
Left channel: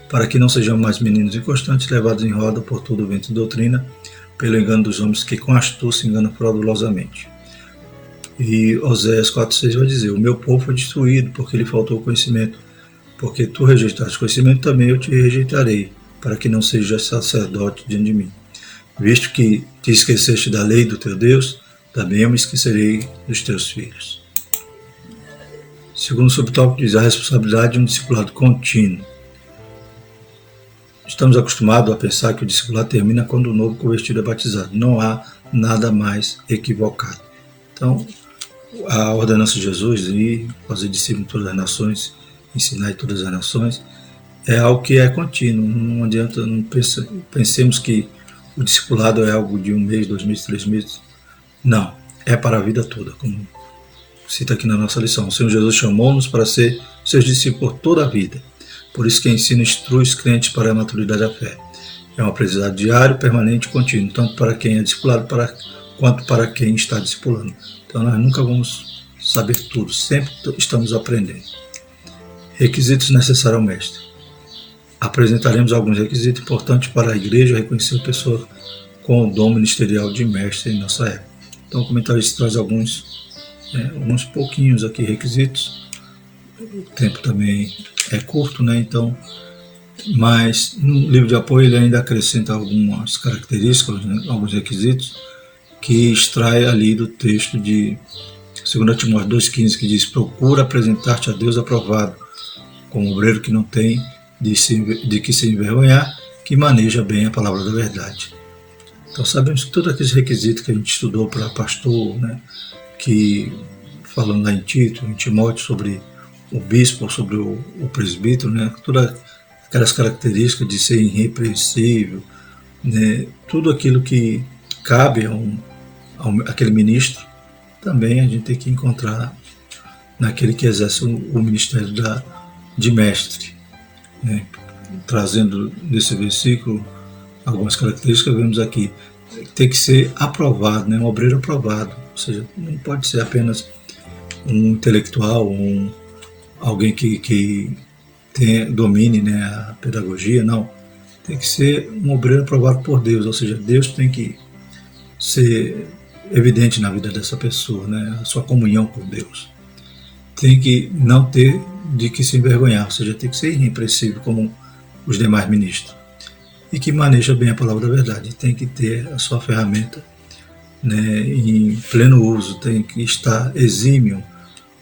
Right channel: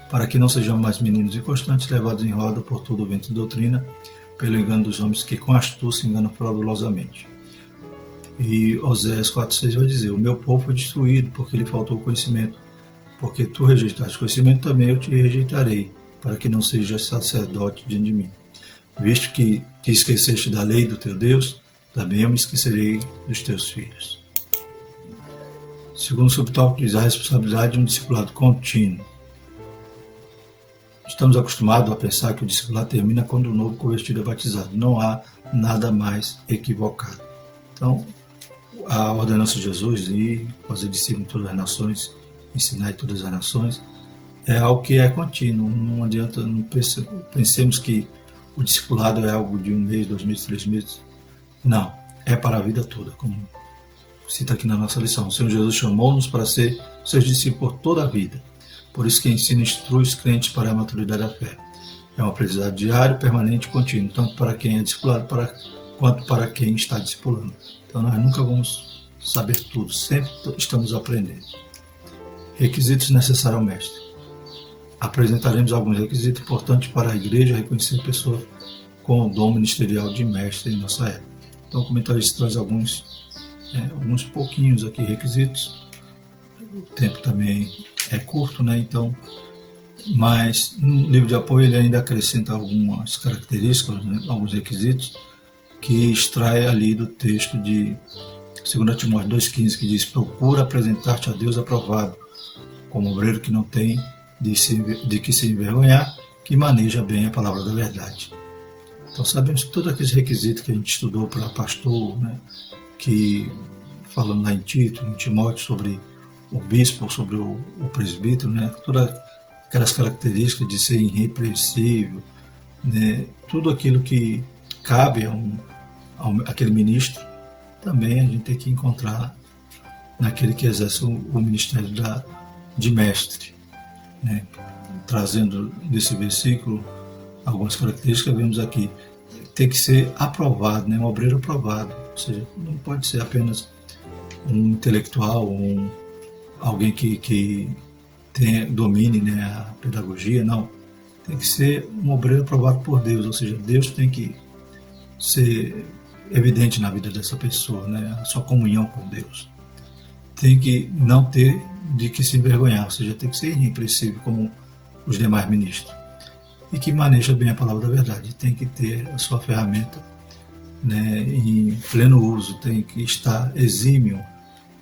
para que não sejamos mais meninos inconstantes, levados em roda por todo o vento de doutrina, pelo engano dos homens que com astúcia enganam fraudulosamente. E Oséias 4:6 vai dizer: o meu povo foi destruído porque lhe faltou conhecimento, porque tu rejeitaste conhecimento, também eu te rejeitarei, para que não sejas sacerdote diante de mim. Visto que te esqueceste da lei do teu Deus, também eu me esquecerei dos teus filhos. Segundo o subtópico diz a responsabilidade de um discipulado contínuo. Estamos acostumados a pensar que o discipulado termina quando o novo convertido é batizado. Não há nada mais equivocado. Então, a ordenança de Jesus de fazer discípulos em todas as nações, ensinar em todas as nações, é algo que é contínuo. Não adianta, não pensemos que o discipulado é algo de 1 mês, 2 meses, 3 meses. Não, é para a vida toda, como cita aqui na nossa lição. O Senhor Jesus chamou-nos para ser seus discípulos por toda a vida. Por isso que ensina e instrui os crentes para a maturidade da fé. É um aprendizado diário, permanente e contínuo, tanto para quem é discipulado quanto para quem está discipulando. Então nós nunca vamos saber tudo, sempre estamos aprendendo. Requisitos necessários ao mestre. Apresentaremos alguns requisitos importantes para a igreja reconhecer a pessoa com o dom ministerial de mestre em nossa época. Então o comentarista traz alguns pouquinhos aqui requisitos. O tempo também é curto, né? Então Mas no livro de apoio ele ainda acrescenta algumas características, né, alguns requisitos, que extrai ali do texto de 2 Timóteo 2,15, que diz: procura apresentar-te a Deus aprovado, como obreiro que não tem de que se envergonhar, que maneja bem a palavra da verdade. Então sabemos que todos aqueles requisitos que a gente estudou para pastor, né, que falando lá em Tito, em Timóteo, sobre o bispo, sobre o presbítero, né, todas aquelas características de ser irrepreensível, né, tudo aquilo que cabe àquele ministro, também a gente tem que encontrar naquele que exerce o ministério de mestre. Né? Trazendo desse versículo algumas características, vemos aqui, tem que ser aprovado, né? Um obreiro aprovado, ou seja, não pode ser apenas um intelectual, alguém que domine, né, a pedagogia, não. Tem que ser um obreiro aprovado por Deus, ou seja, Deus tem que ser evidente na vida dessa pessoa, né, a sua comunhão com Deus. Tem que não ter de que se envergonhar, ou seja, tem que ser irrepreensível como os demais ministros. E que maneja bem a palavra da verdade, tem que ter a sua ferramenta, né, em pleno uso, tem que estar exímio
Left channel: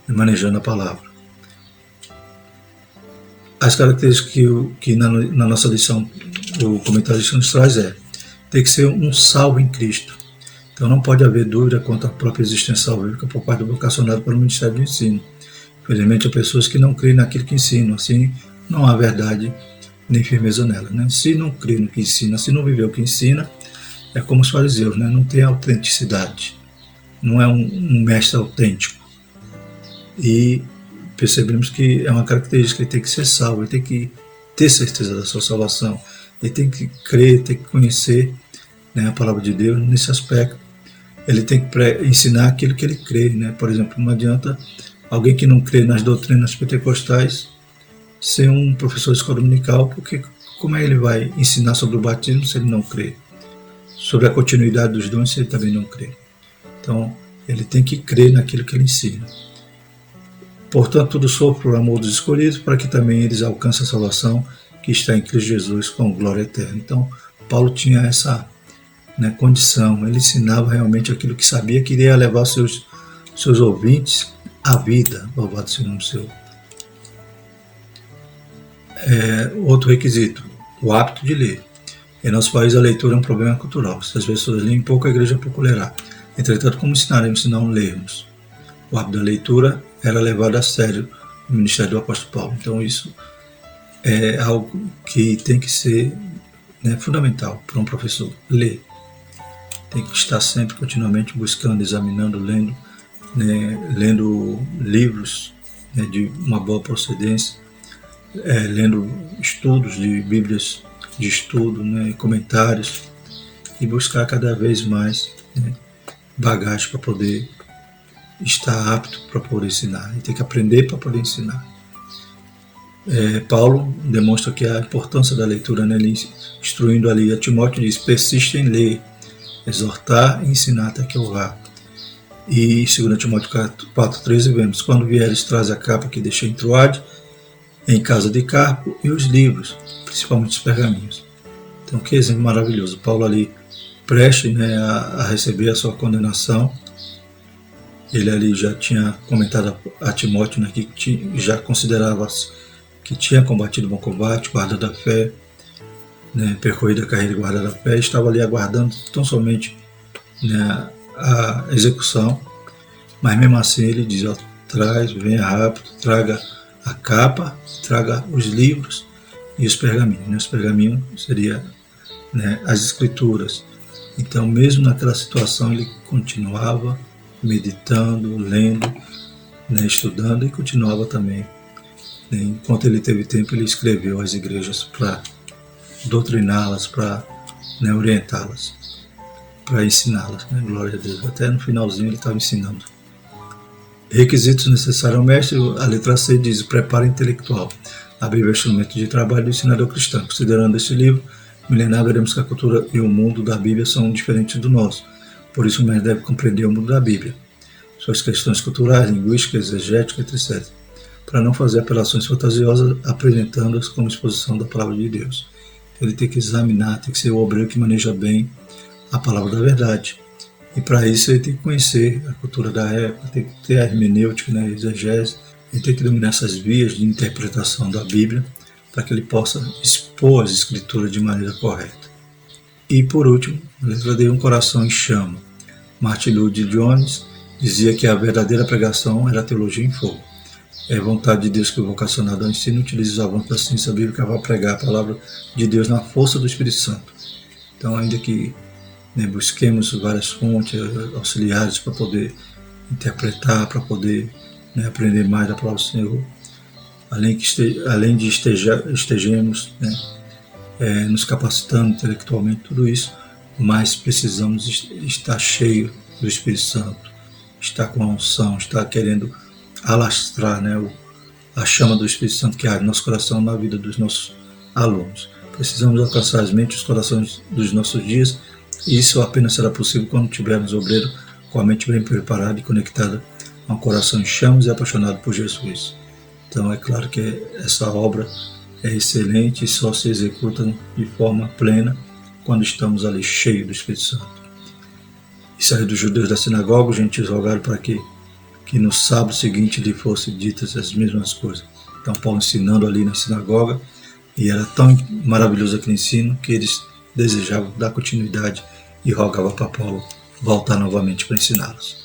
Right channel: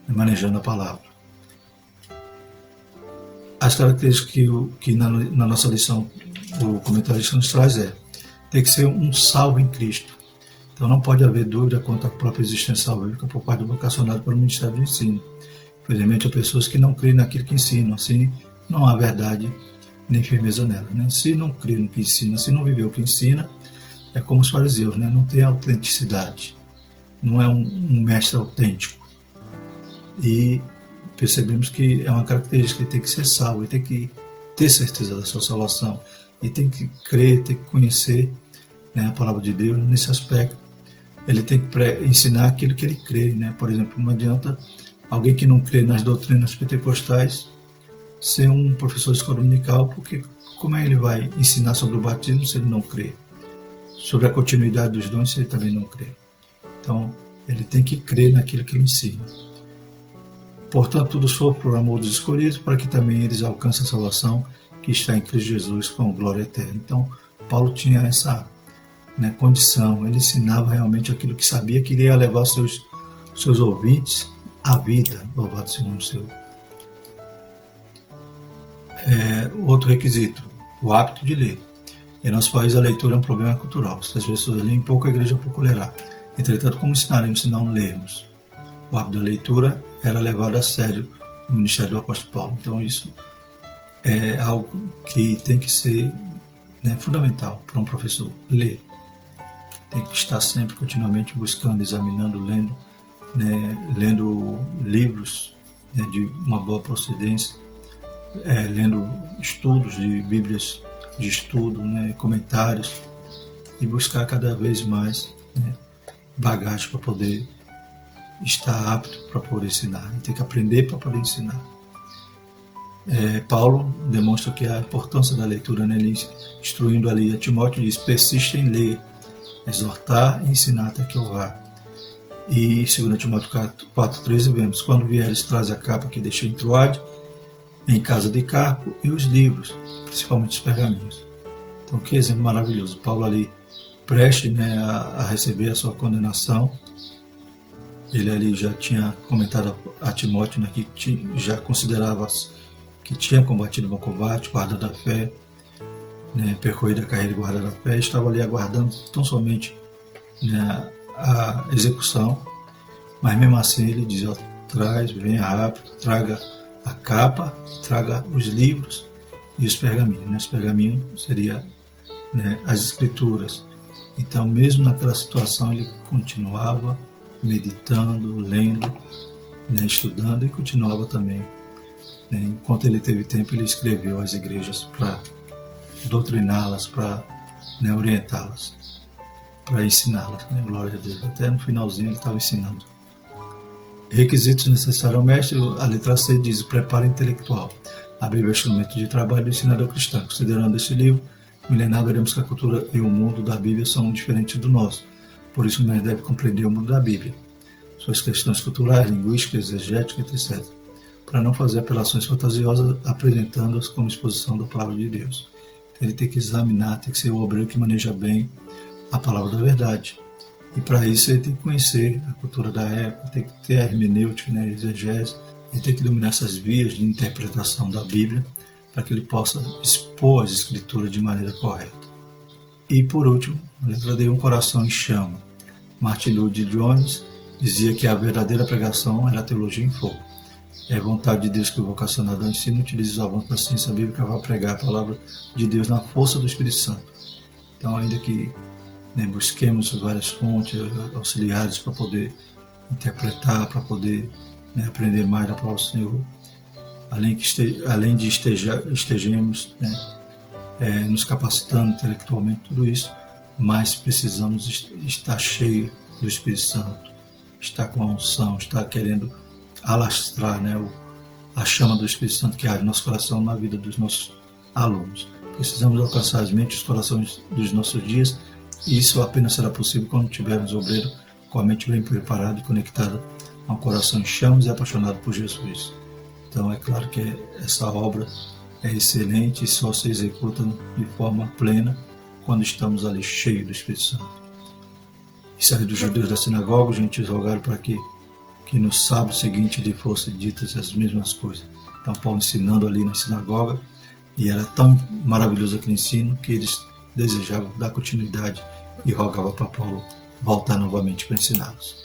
manejando a palavra. As características que na nossa lição o comentarista nos traz tem que ser um salvo em Cristo. Então não pode haver dúvida quanto à própria existência salvífica por parte do vocacionado para o Ministério do Ensino. Infelizmente, há pessoas que não creem naquilo que ensinam, assim não há verdade nem firmeza nela. Né? Se não crê no que ensina, se não viver o que ensina, é como os fariseus, né? Não tem autenticidade, não é um mestre autêntico. E percebemos que é uma característica, ele tem que ser salvo, ele tem que ter certeza da sua salvação, ele tem que crer, tem que conhecer, né, a palavra de Deus nesse aspecto. Ele tem que ensinar aquilo que ele crê, né? Por exemplo, não adianta alguém que não crê nas doutrinas pentecostais ser um professor de escola dominical, porque como é que ele vai ensinar sobre o batismo se ele não crê? Sobre a continuidade dos dons se ele também não crê? Então, ele tem que crer naquilo que ele ensina. Portanto, tudo sofre por amor dos escolhidos, para que também eles alcancem a salvação que está em Cristo Jesus com glória eterna. Então, Paulo tinha essa, né, condição, ele ensinava realmente aquilo que sabia que iria levar seus ouvintes à vida, louvado seja o nome do Senhor. Outro requisito, o hábito de ler. Em nosso país, a leitura é um problema cultural. Se as pessoas leem pouco, a igreja pouco lerá. Entretanto, como ensinaremos se não lermos? O hábito da leitura era levado a sério no ministério do apóstolo Paulo. Então, isso é algo que tem que ser, né, fundamental para um professor. Ler. Tem que estar sempre, continuamente, buscando, examinando, lendo, né, lendo livros, né, de uma boa procedência, lendo estudos de Bíblias de estudo, né, comentários, e buscar cada vez mais, né, bagagem para poder estar apto para poder ensinar. E tem que aprender para poder ensinar. Paulo demonstra que a importância da leitura, né, ele instruindo ali a Timóteo, diz: persiste em ler, exortar e ensinar até que eu vá. E 2 Timóteo 4,13 vemos: quando vieres, traz a capa que deixei em Troade, em casa de Carpo, e os livros, principalmente os pergaminhos. Então, que exemplo maravilhoso. Paulo ali preste, né, a receber a sua condenação. Ele ali já tinha comentado a Timóteo, né, que já considerava que tinha combatido o bom combate, guardado a fé, né, percorrido a carreira e guardado a fé, estava ali aguardando tão somente, né, a execução, mas mesmo assim ele diz: ó, venha rápido, traga a capa, traga os livros e os pergaminhos. Né? Os pergaminhos seria, né, as escrituras. Então, mesmo naquela situação, ele continuava meditando, lendo, né, estudando, e continuava também, né, enquanto ele teve tempo, ele escreveu às igrejas para doutriná-las, para, né, orientá-las, para ensiná-las, né, glória a Deus. Até no finalzinho ele estava ensinando. Requisitos necessários ao mestre, a letra C diz: o preparo intelectual. A Bíblia é um instrumento de trabalho do ensinador cristão. Considerando este livro milenar, veremos que a cultura e o mundo da Bíblia são diferentes do nosso. Por isso, o mestre deve compreender o mundo da Bíblia, suas questões culturais, linguísticas, exegéticas, etc. para não fazer apelações fantasiosas, apresentando-as como exposição da palavra de Deus. Ele tem que examinar, tem que ser o obreiro que maneja bem a palavra da verdade. E para isso ele tem que conhecer a cultura da época, tem que ter a hermenêutica, né, a exegese, ele tem que dominar essas vias de interpretação da Bíblia para que ele possa expor as escrituras de maneira correta. E por último, a letra D, um coração em chama. Martin Lloyd Jones dizia que a verdadeira pregação era a teologia em fogo. É vontade de Deus que o vocacionado ao ensino utilize os avanços da ciência bíblica para pregar a palavra de Deus na força do Espírito Santo. Então, ainda que busquemos várias fontes auxiliares para poder interpretar, para poder aprender mais da palavra do Senhor, além de estejamos nos capacitando intelectualmente, tudo isso, mas precisamos estar cheio do Espírito Santo, estar com a unção, estar querendo alastrar a chama do Espírito Santo que arde no nosso coração na vida dos nossos alunos. Precisamos alcançar as mentes e os corações dos nossos dias, e isso apenas será possível quando tivermos obreiro com a mente bem preparada e conectada a um coração em chamas e apaixonado por Jesus. Então é claro que essa obra é excelente e só se executa de forma plena quando estamos ali cheios do Espírito Santo. E saiu dos judeus da sinagoga, os gentios rogaram para que no sábado seguinte lhe fossem ditas as mesmas coisas. Então Paulo ensinando ali na sinagoga, e era tão maravilhoso aquele ensino que eles desejavam dar continuidade e rogavam para Paulo voltar novamente para ensiná-los.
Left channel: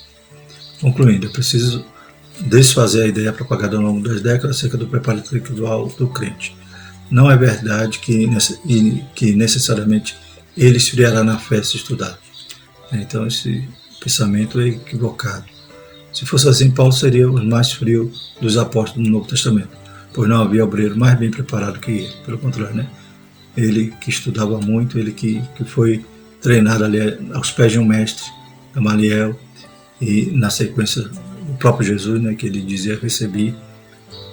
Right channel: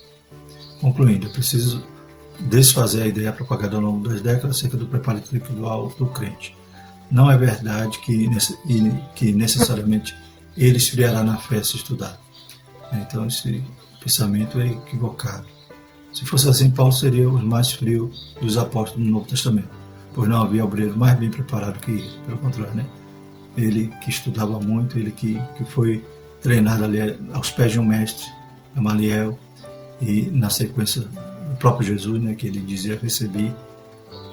Concluindo, é preciso desfazer a ideia propagada ao longo das décadas acerca do preparo intelectual do crente. Não é verdade que necessariamente ele esfriará na fé se estudar. Então esse pensamento é equivocado. Se fosse assim, Paulo seria o mais frio dos apóstolos do Novo Testamento, pois não havia obreiro mais bem preparado que ele. Pelo contrário, ele que estudava muito, ele que foi treinado ali aos pés de um mestre, Gamaliel, e na sequência o próprio Jesus, que ele dizia: recebi,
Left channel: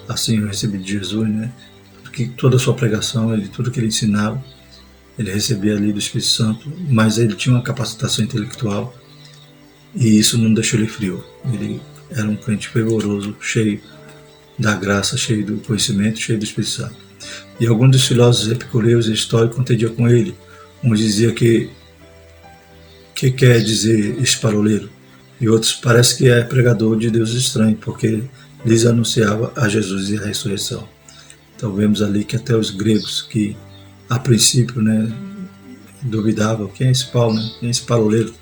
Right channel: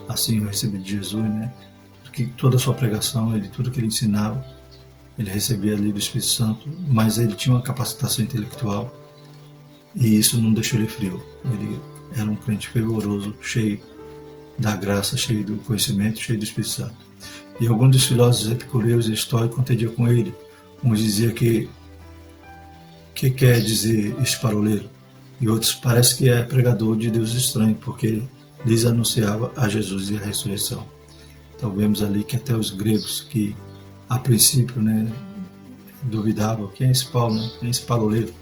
assim eu recebi de Jesus, que toda a sua pregação, tudo que ele ensinava, ele recebia ali do Espírito Santo, mas ele tinha uma capacitação intelectual e isso não deixou ele frio. Ele era um crente fervoroso, cheio da graça, cheio do conhecimento, cheio do Espírito Santo. E alguns dos filósofos epicureus e estoicos contendiam com ele. Um dizia que quer dizer esse paroleiro, e outros parece que é pregador de Deus estranho, porque lhes anunciava a Jesus e a ressurreição. Então vemos ali que até os gregos, que a princípio duvidavam: quem é esse Paulo, quem é esse paroleiro?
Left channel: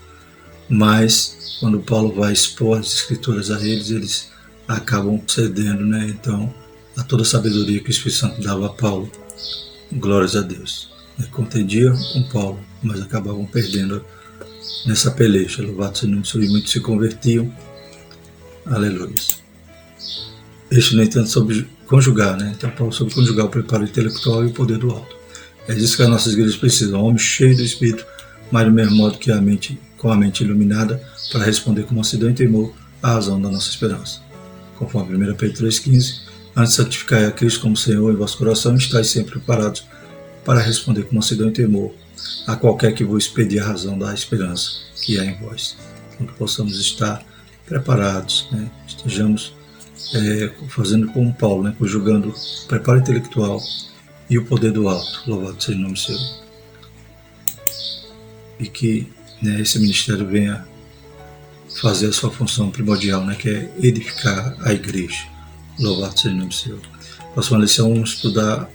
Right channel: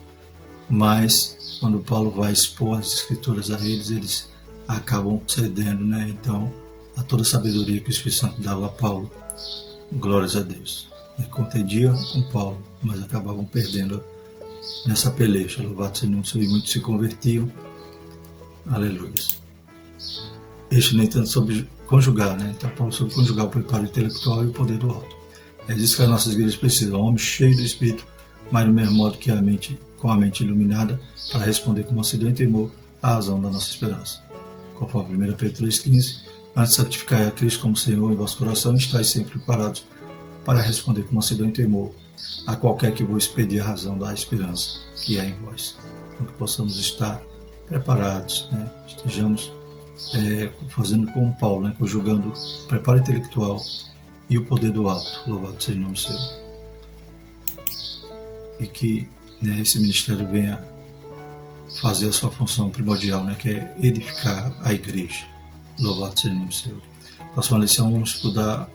Mas quando Paulo vai expor as escrituras a eles acabam cedendo, então, a toda a sabedoria que o Espírito Santo dava a Paulo. Glórias a Deus. Contendiam com Paulo, mas acabavam perdendo nessa peleja. Louvado seja o nome do Senhor, e muitos se convertiam. Aleluia. Este, no entanto, sobre conjugar, Então, Paulo sobre conjugar o preparo intelectual e o poder do alto. É disso que as nossas igrejas precisam: um homem cheio do Espírito, mas do mesmo modo que com a mente iluminada, para responder com mansidão e temor à razão da nossa esperança. Conforme 1 Pedro 3,15, antes de santificar a Cristo como Senhor em vosso coração, estáis sempre preparados para responder com mansidão e temor a qualquer que vos pedir a razão da esperança que há em vós. Então, que possamos estar preparados, estejamos fazendo como Paulo, conjugando o preparo intelectual e o poder do alto. Louvado seja o nome do Senhor. E que esse ministério venha fazer a sua função primordial, que é edificar a igreja. Louvado seja o nome do Senhor. Próxima lição, vamos estudar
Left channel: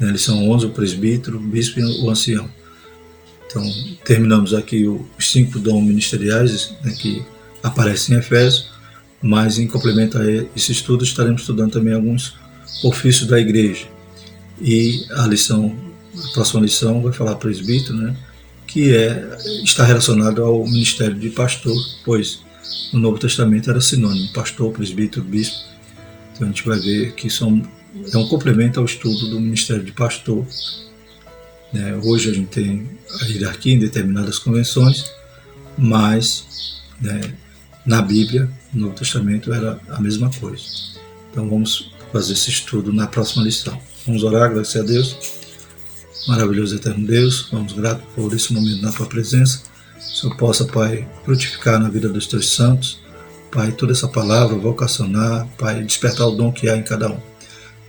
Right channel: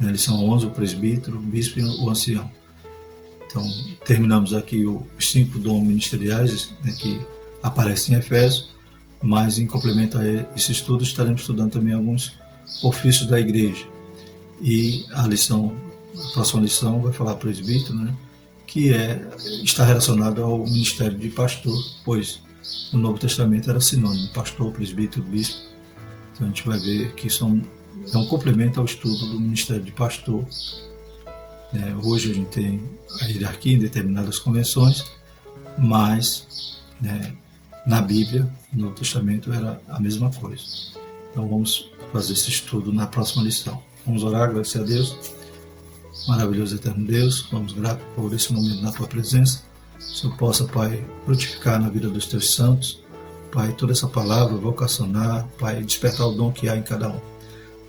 lição 11, o presbítero, o bispo e o ancião. Então, terminamos aqui os 5 dons ministeriais que aparecem em Efésios, mas em complemento a esse estudo, estaremos estudando também alguns ofícios da igreja. E a próxima lição vai falar presbítero, que está relacionado ao ministério de pastor, pois no Novo Testamento era sinônimo: pastor, presbítero, bispo. Então a gente vai ver que é um complemento ao estudo do ministério de pastor. Hoje a gente tem a hierarquia em determinadas convenções, mas na Bíblia, no Novo Testamento, era a mesma coisa. Então vamos fazer esse estudo na próxima lição. Vamos orar, agradecer a Deus. Maravilhoso eterno Deus, vamos grato por esse momento na Tua presença. Que o Senhor possa, Pai, frutificar na vida dos Teus santos, Pai, toda essa palavra, vocacionar, Pai, despertar o dom que há em cada um.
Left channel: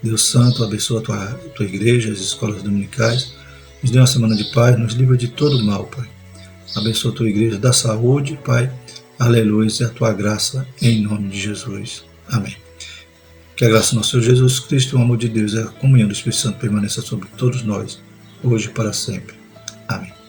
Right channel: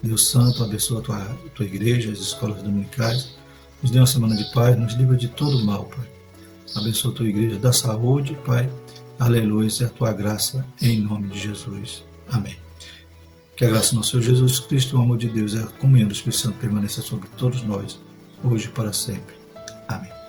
Deus Santo, abençoa a tua igreja, as escolas dominicais, nos dê uma semana de paz, nos livra de todo mal, Pai. Abençoa a tua igreja, dá saúde, Pai, aleluia, e a tua graça, em nome de Jesus. Amém. Que a graça do nosso Senhor Jesus Cristo, o amor de Deus e a comunhão do Espírito Santo permaneça sobre todos nós, hoje e para sempre. Amém.